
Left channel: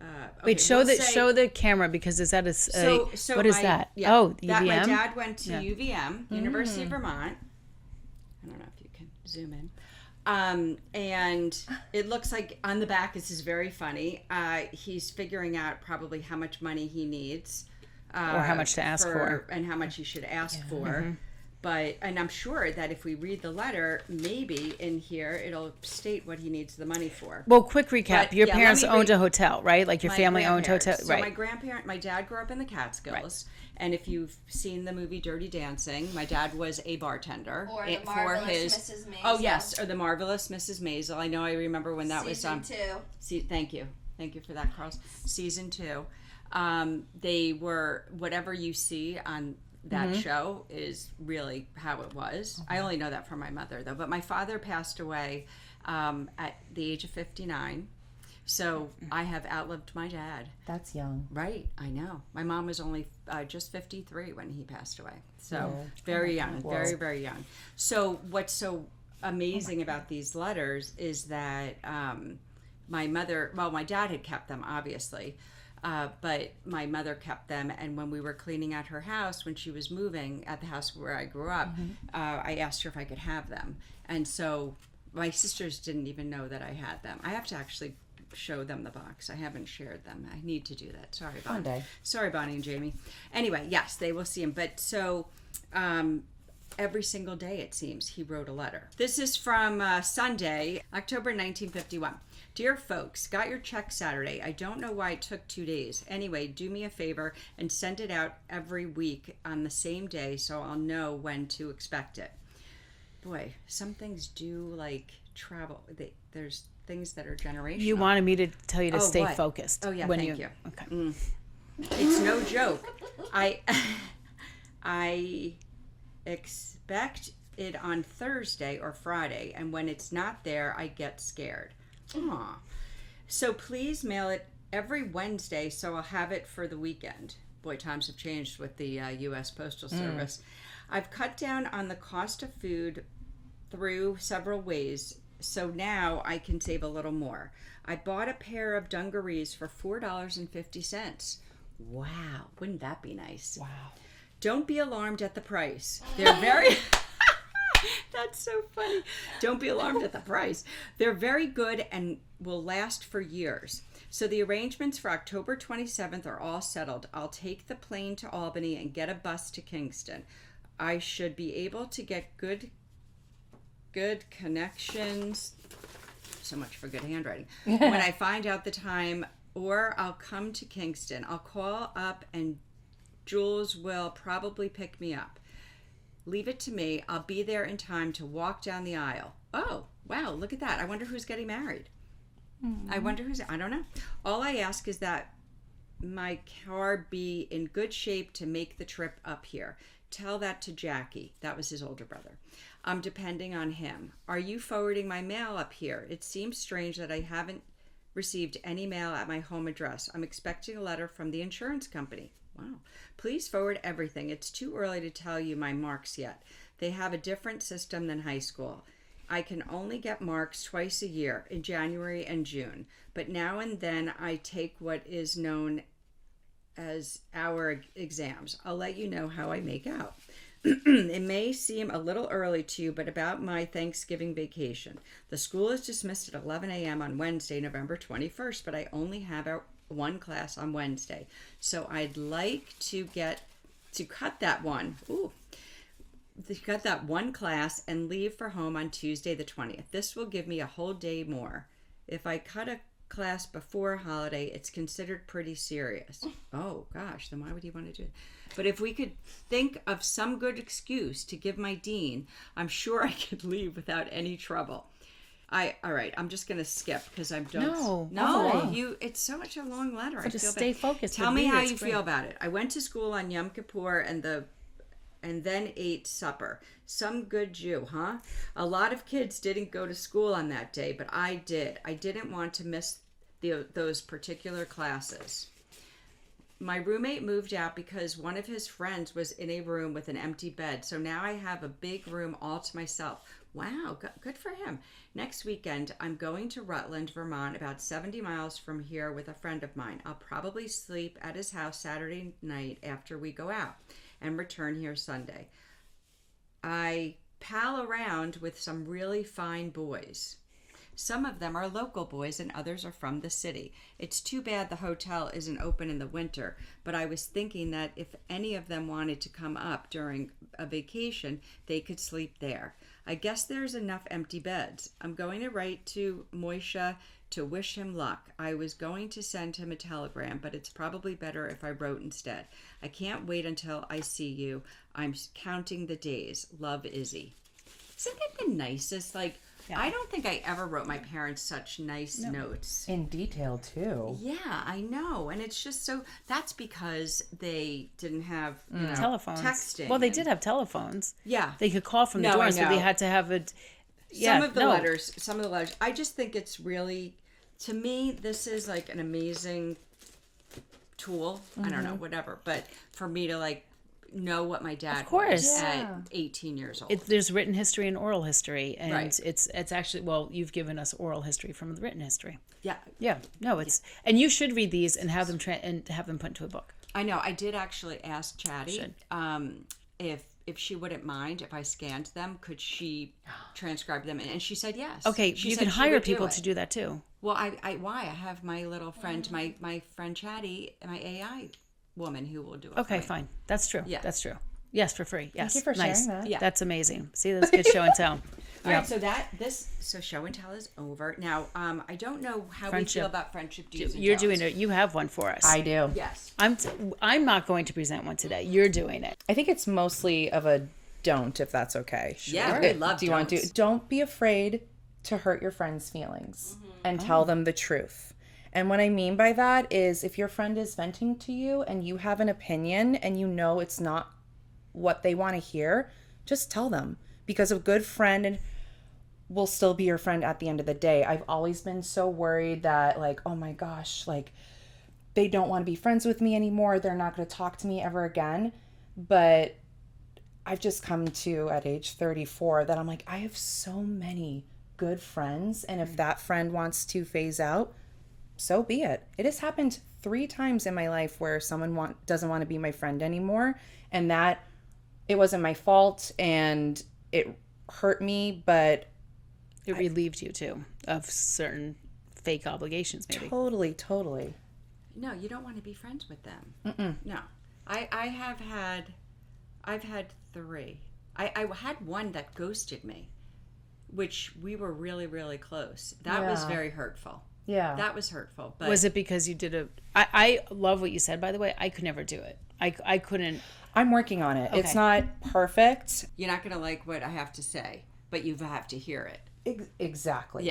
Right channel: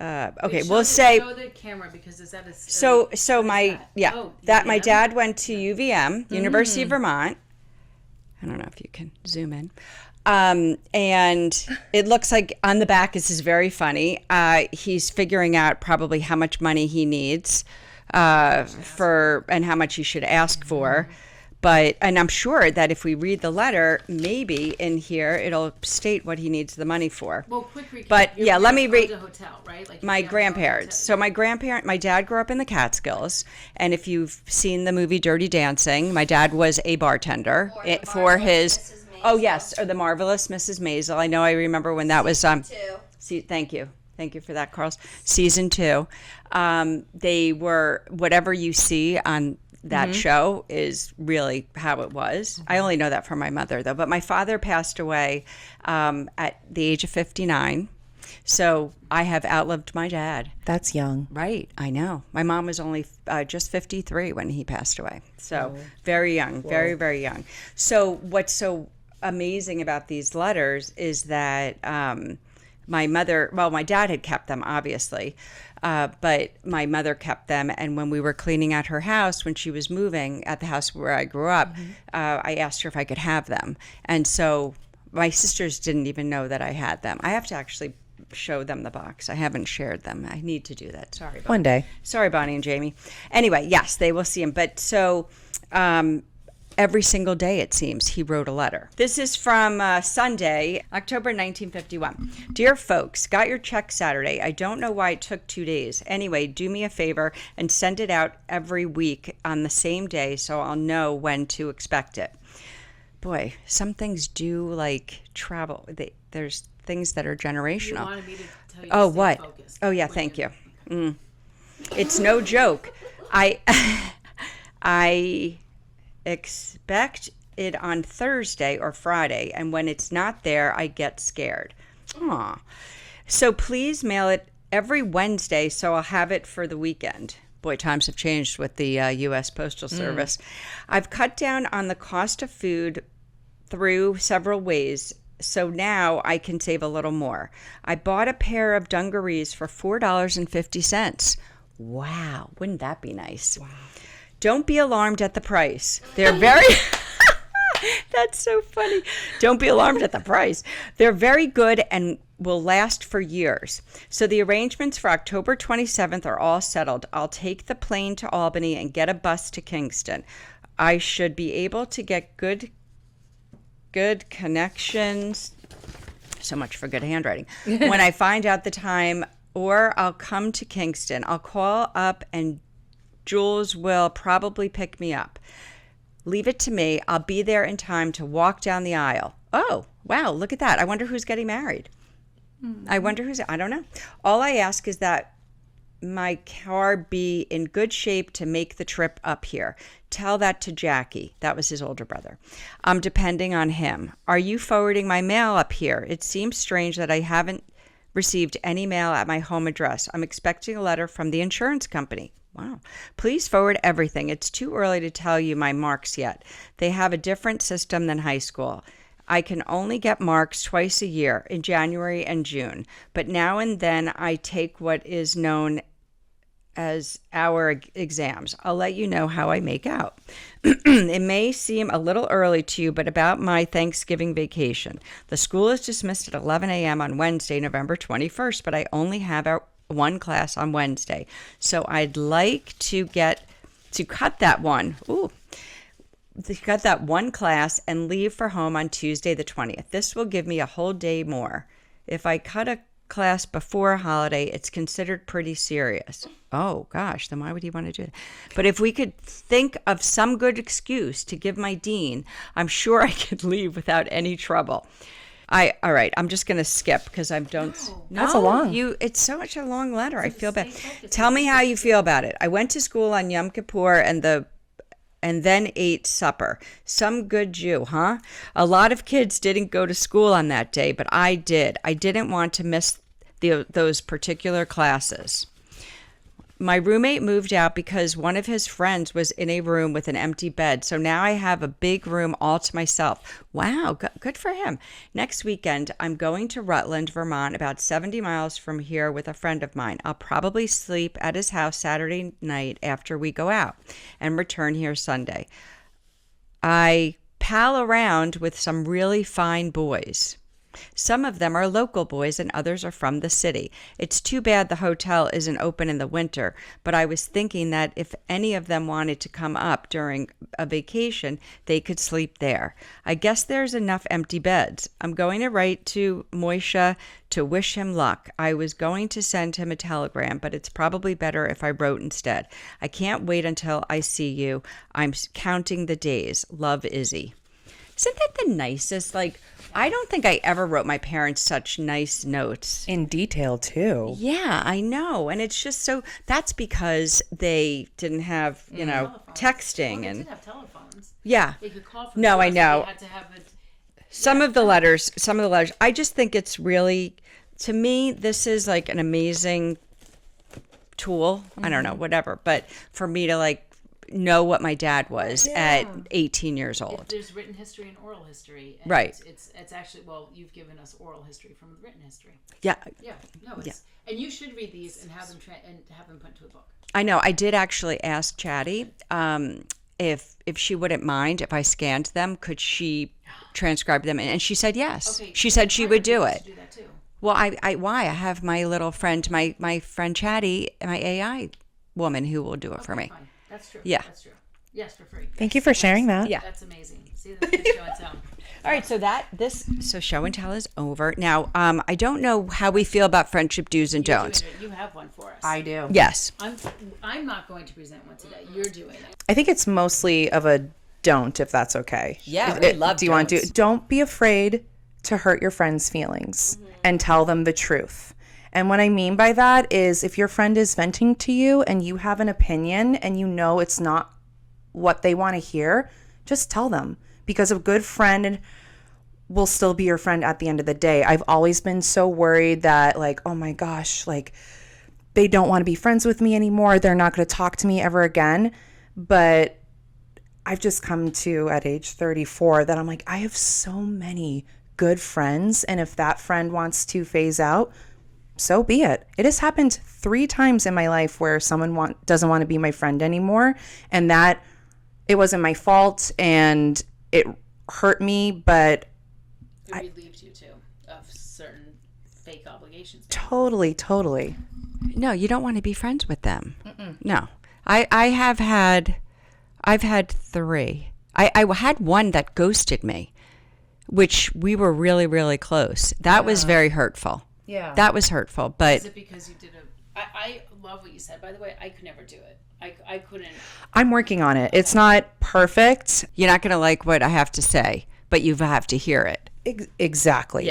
Okay, Wait, show the camera because is that a So what is my that? yeah Oh, that my UVM? dad went to UVM, University of Vermont. I don't know if you can zoom in. And it looks like on the back, this is very funny. He's figuring out probably how much money he needs much to ask for and how much he should ask for. and I'm sure that if we read the letter, maybe in here it'll state what he needs the money for. Well, quick recap. But, Your yeah, let parents me owned read- a hotel, right? Like your My family owned a grandparents. hotel. So right. my dad grew up in the Catskills, and if you've seen the movie Dirty Dancing, my dad was a bartender Or the for Marvelous his. Mrs. Oh Maisel. yes, or the Marvelous Mrs. Maisel. I remember when that was Two. Thank you for that, Carl. Season 2, they were whatever you see on that show is really how it was. I only know that from my mother though. But my father passed away at the age of 59, so I have outlived my dad. That's young. Right, I know. My mom was only just 53 when he passed away, so very young, very very young. So what's so amazing about these letters is that my dad had kept them, obviously, but my mother kept them. And when we were cleaning out her house, when she was moving at the house where I grew up, I asked her if I could have them. And so my sisters didn't even know that I had them. I have to actually show them the box. I haven't shared them. I need to do that. Sorry. One day. Sorry, Bonnie and Jamie. Anyway, yes, they will see him. But so every single day, it seems, he wrote a letter. This is from Sunday, October 1951. Dear folks, got your check Saturday. I don't know why it took 2 days. Anyway, do me a favor and send it out every week on the same day so I'll know when to expect it. Boy, some things do like travel. There's things that are generational. You wanted me to tell you to stay what? focused. Oh, yeah, when thank you. Okay. It's no joke. I expect it on Thursday or Friday, and when it's not there, I get scared. Aw. So please mail it every Wednesday so I'll have it for the weekend. Boy, times have changed with the U.S. Postal Service. I've cut down on the cost of food through several ways, so now I can save a little more. I bought a pair of dungarees for $4.50. Wow, wouldn't that be nice? Wow. Don't be alarmed at the price. They're very... That's so funny. Don't be alarmed at the price. They're very good and will last for years. So the arrangements for October 27th are all settled. I'll take the plane to Albany and get a bus to Kingston. I should be able to get good connections. So much for good handwriting. When I find out the time, or I'll come to Kingston. I'll call up and Jules will probably pick me up. Leave it to me. I'll be there in time to walk down the aisle. Oh, wow, look at that. I wonder who's getting married. I don't know. All I ask is that my car be in good shape to make the trip up here. Tell that to Jackie. That was his older brother. I'm depending on him. Are you forwarding my mail up here? It seems strange that I haven't received any mail at my home address. I'm expecting a letter from the insurance company. Wow. Please forward everything. It's too early to tell you my marks yet. They have a different system than high school. I can only get marks twice a year, in January and June. But now and then I take what is known as our exams. I'll let you know how I make out. It may seem a little early to you, but about my Thanksgiving vacation. The school is dismissed at 11 a.m. on Wednesday, November 21st, but I only have one class on Wednesday. So I'd like to cut that one. To cut that one class and leave for home on Tuesday the 20th. This will give me a whole day more. If I cut a class before a holiday, it's considered pretty serious. Oh gosh, then why would you want to do that? But if we could think of some good excuse to give my dean, I'm sure I could leave without any trouble. All right, I'm just going to skip because I don't. No, that's a long. It's so much a long letter. I feel stay bad. focused. Tell me Read how it. you It's feel about it. I went to school on Yom Kippur and then ate supper. Some good Jew, huh? A lot of kids didn't go to school on that day, but I did. I didn't want to miss those particular classes. My roommate moved out because one of his friends was in a room with an empty bed, so now I have a big room all to myself. Wow, good for him. Next weekend, I'm going to Rutland, Vermont, about 70 miles from here with a friend of mine. I'll probably sleep at his house Saturday night after we go out and return here Sunday. I pal around with some really fine boys. Some of them are local boys and others are from the city. It's too bad the hotel isn't open in the winter, but I was thinking that if any of them wanted to come up during a vacation, they could sleep there. I guess there's enough empty beds. I'm going to write to Moisha to wish him luck. I was going to send him a telegram, but it's probably better if I wrote instead. I can't wait until I see you. I'm counting the days. Love, Izzy. Isn't that the nicest? Like, I don't think I ever wrote my parents such nice notes. In detail, too. Yeah, I know. And it's just so, that's because they didn't have, Telephones. texting. Well, they and- did have telephones. Yeah. They could call from No, the door, I so know. they had to have it. Some of the letters, I just think it's really, to me, this is like an amazing tool. I don't know, whatever. But for me to like know what my dad was course. at 18 years old. There's written history and oral history, and Right. it's actually, well, you've given us oral history from the written history. Yeah. Yeah, no, it's and you should read these and have them and have them put into a book. I know. I did actually ask Chatty if she wouldn't mind if I scanned them, could she transcribe them? And she said yes. Okay, She you said can she hire would do people it. to do that too. Well, why? I have my little friend, my friend Chatty, my AI woman who will do it for Okay, me. fine. That's true. Yeah. That's true. Yes, for free. Yes. Thank you for sharing that. Yeah. That's amazing. See, that's good show and tell. All right, so show and tell is over. Now, I don't know how we feel about friendship do's and You're don'ts. doing it. You have one for us. do. Yes. I'm not going to present one today. You're doing it. I think it's mostly of a don't, if that's okay. Yeah, we love Do you want to? don'ts. Don't be afraid to hurt your friends' feelings and tell them the truth. And what I mean by that is if your friend is venting to you and you have an opinion and you know it's not what they want to hear, just tell them, because a good friend will still be your friend at the end of the day. I've always been so worried that, like, oh my gosh, like, they don't want to be friends with me anymore. They're not going to talk to me ever again. But I've just come to, at age 34, that I'm like, I have so many good friends. And if that friend wants to phase out, so be it. It has happened 3 times in my life where someone doesn't want to be my friend anymore. And that it wasn't my fault and it hurt me, but It relieved you too of certain fake obligations. Maybe. totally. No, you don't want to be friends with them. No. I've had 3. I had one that ghosted me, which we were really, really close. That was very hurtful. Yeah. That was hurtful. But Was it because you did I love what you said, by the way. I could never do it. I couldn't. I'm working on it. It's not perfect. you're not going to like what I have to say, but you have to hear it. Exactly.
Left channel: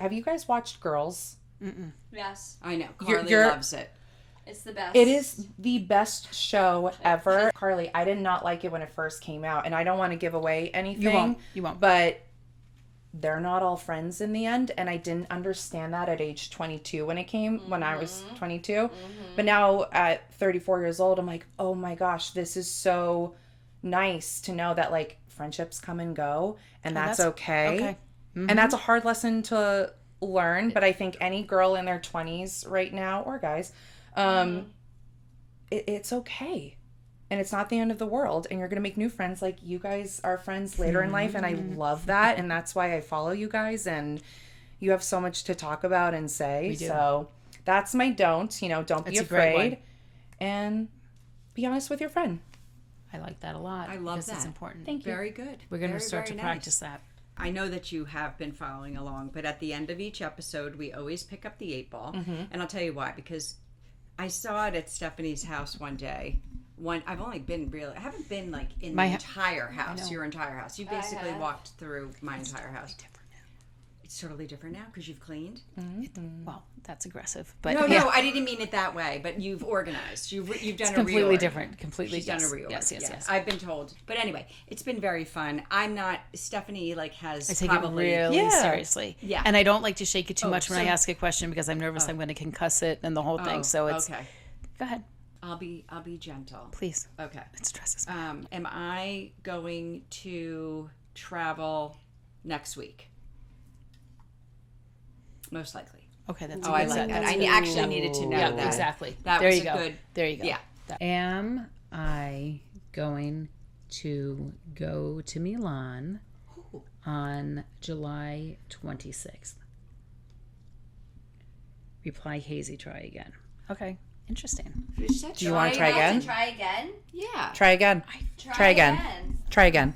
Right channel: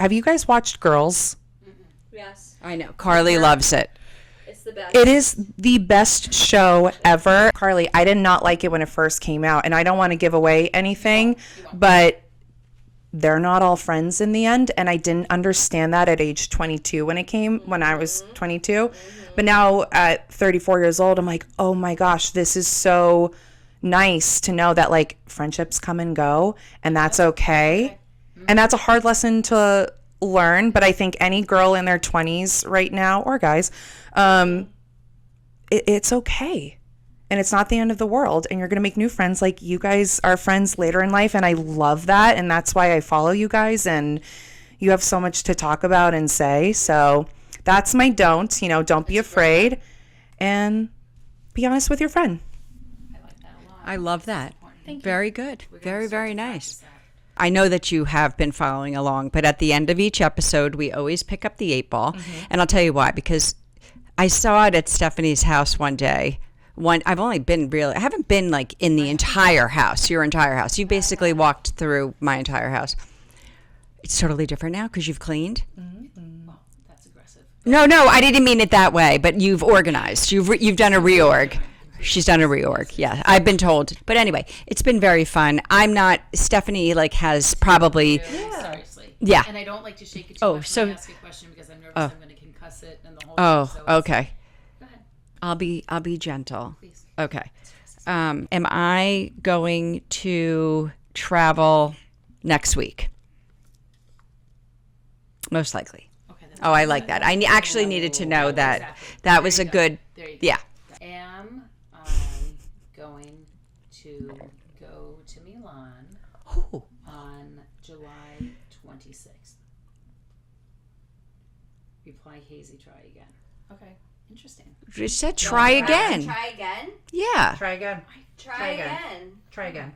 Have you guys watched Girls? Yes, I know. Carly loves it. it's the best. It is the best show ever. Carly, I did not like it when it first came out, and I don't want to give away anything, You won't. but they're not all friends in the end, and I didn't understand that at age 22 when I was 22. But now at 34 years old, I'm like, oh my gosh, this is so nice to know that, like, friendships come and go, and that's okay. And that's a hard lesson to learn, but I think any girl in their 20s right now, or guys, it's okay. And it's not the end of the world, and you're going to make new friends. Like, you guys are friends later in life, and I love that, and that's why I follow you guys, and you have so much to talk about and say. So that's my don't. Don't be That's a great afraid, and be honest with your friend. I like that a lot. I love because it's that. important. Thank you. Very good. We're going Very, to start very to nice. practice that. I know that you have been following along, but at the end of each episode, we always pick up the 8 ball. And I'll tell you why, because I saw it at Stephanie's house one day. I haven't been like in the entire house, your entire house. You basically walked through my entire house. It's totally different now because you've cleaned. Well, that's aggressive. But No, I didn't mean it that way, but you've organized. You've done a completely reorg. different, completely She's done a different. reorg. Yes, yeah, yes. I've been told. But anyway, it's been very fun. Stephanie has probably Really seriously. Yeah. And I don't like to shake it too much when so- I ask a question because I'm nervous I'm going to concuss it and the whole Oh, thing. So it's, okay. Go ahead, I'll be gentle. please. Okay. It stresses me. Am I going to travel next week? Most likely. Okay. That's Oh, I like that. I actually needed to know that. Exactly. That There was you a go. good. There you go. Yeah. Am I going to go to Milan on July 26th. Reply hazy, try again. Okay, interesting. You said try again. Try again. Yeah. Try again. Try again. Try again.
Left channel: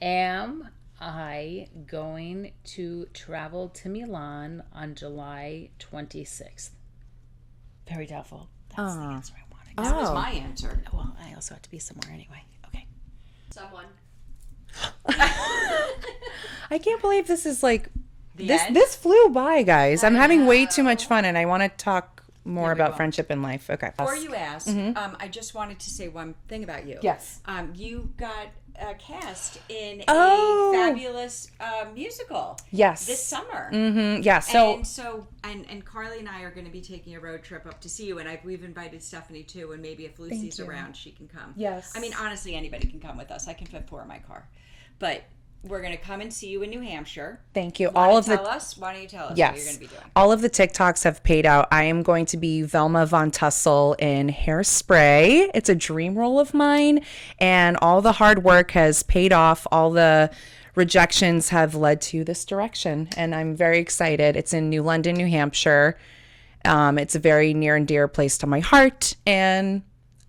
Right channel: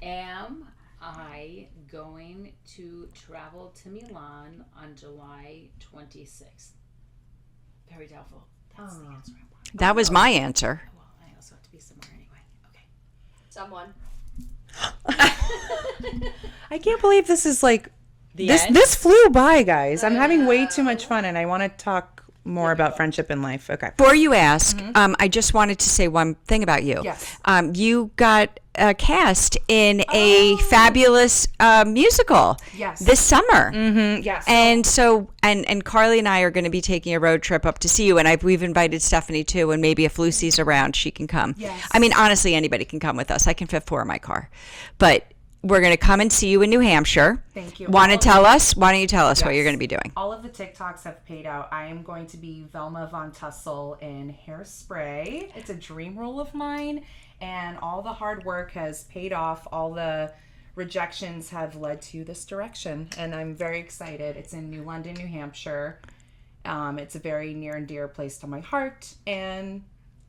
Am I going to travel to Milan on July 26th? Very doubtful. That's the answer I wanted. That was my answer. Well, I also have to be somewhere anyway. Okay. Someone. I can't believe this is like this flew by, guys. I'm having way too much fun, and I want to talk more about friendship in life. Okay. Before you ask, I just wanted to say one thing about you. Yes. You got cast in a fabulous musical. Yes. This summer. Yes. And so, and Carly and I are going to be taking a road trip up to see you, and we've invited Stephanie too, and maybe if Lucy's around, she can come. Yes. I mean, honestly, anybody can come with us. I can fit 4 in my car, but we're going to come and see you in New Hampshire. Thank you. Want All to of tell the- us? Why don't you tell us what Yes. you're going to be doing? All of the TikToks have paid out. I am going to be Velma Von Tussle in Hairspray. It's a dream role of mine, and all the hard work has paid off. All the rejections have led to this direction, and I'm very excited. It's in New London, New Hampshire. It's a very near and dear place to my heart, and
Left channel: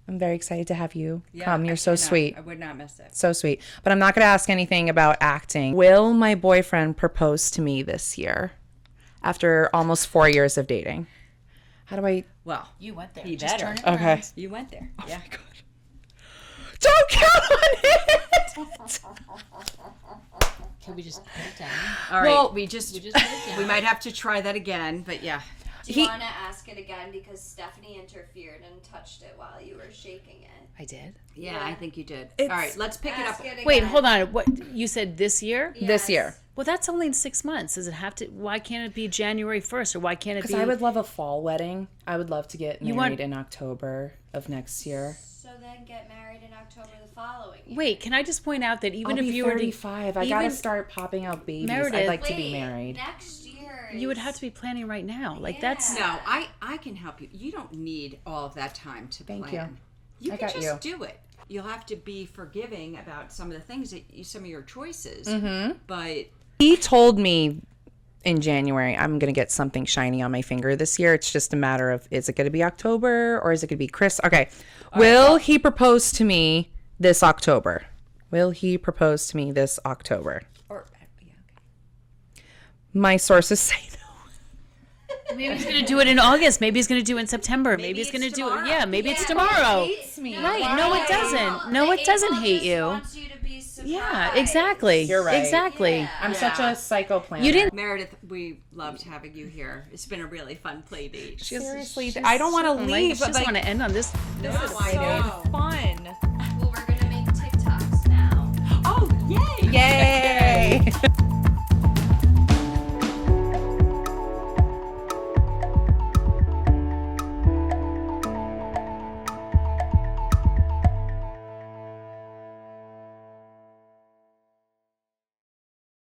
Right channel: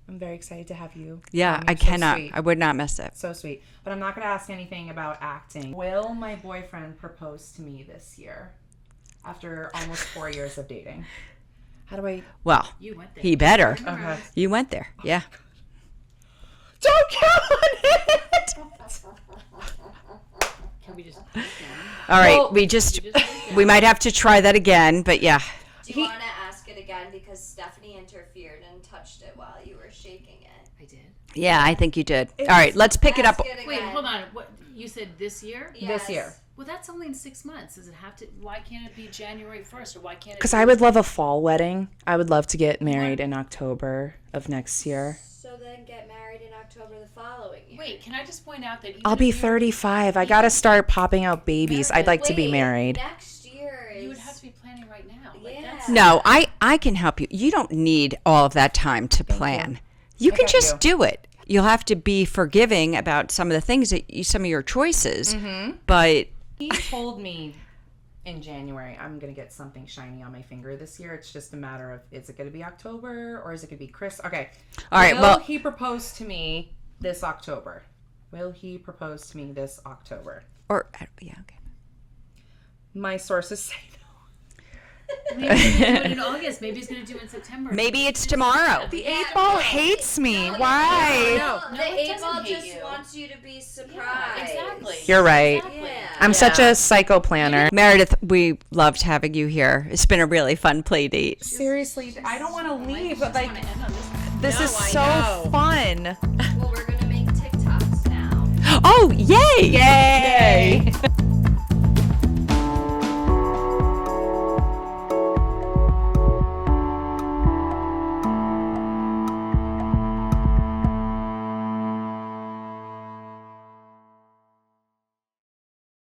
I'm very excited to have you. Yeah, come. You're I so cannot. sweet. I would not miss it. So sweet. But I'm not going to ask anything about acting. Will my boyfriend propose to me this year after almost 4 years of dating? How do I? Well, You went there. he better. Okay. You went there. Yeah. Don't count on it. Can we just put it down? All right. Well, we we might have to try that again, but yeah. Do you want to ask it again because Stephanie interfered and touched it while you were shaking it? I did. Yeah, I think you did. All right, let's pick it up. Ask it Wait, again. hold on. What you said this year? This year. Well, that's only in 6 months. Does it have to? Why can't it be January 1st, or why can't it? Because be... I would love a fall wedding. I would love to get married want- in October of next year. So then get married in October the following year. Wait, can I just point out that even I'll if be you were to- 35. I got to even- start popping out babies. I'd Meredith, like to be Wait, married. Next year. you would have to be planning right now. Like that's No, I can help you. You don't need all of that time to plan. You can got just you. do it. You'll have to be forgiving about some of the things that some of your choices. But He told me in January, I'm going to get something shiny on my finger this year. It's just a matter of, is it going to be October or is it going to be Chris? Okay. right, Will well- he propose to me this October? Will he propose to me this October? or yeah, okay. My sources say no. Maybe he's going to do it in August. Maybe he's going to do it in September. Maybe he's it's gonna do it- tomorrow. Yeah, maybe it's Yeah. tomorrow. Hates me. No, it Why? doesn't. No, it doesn't hate just you. wants you to be surprised. Yeah, exactly. You're right. Exactly. Yeah. I'm such a psycho planner. Meredith, we loved having you here. It's been a really fun play date. Seriously, I don't want to leave. I But just want to end on this. this is so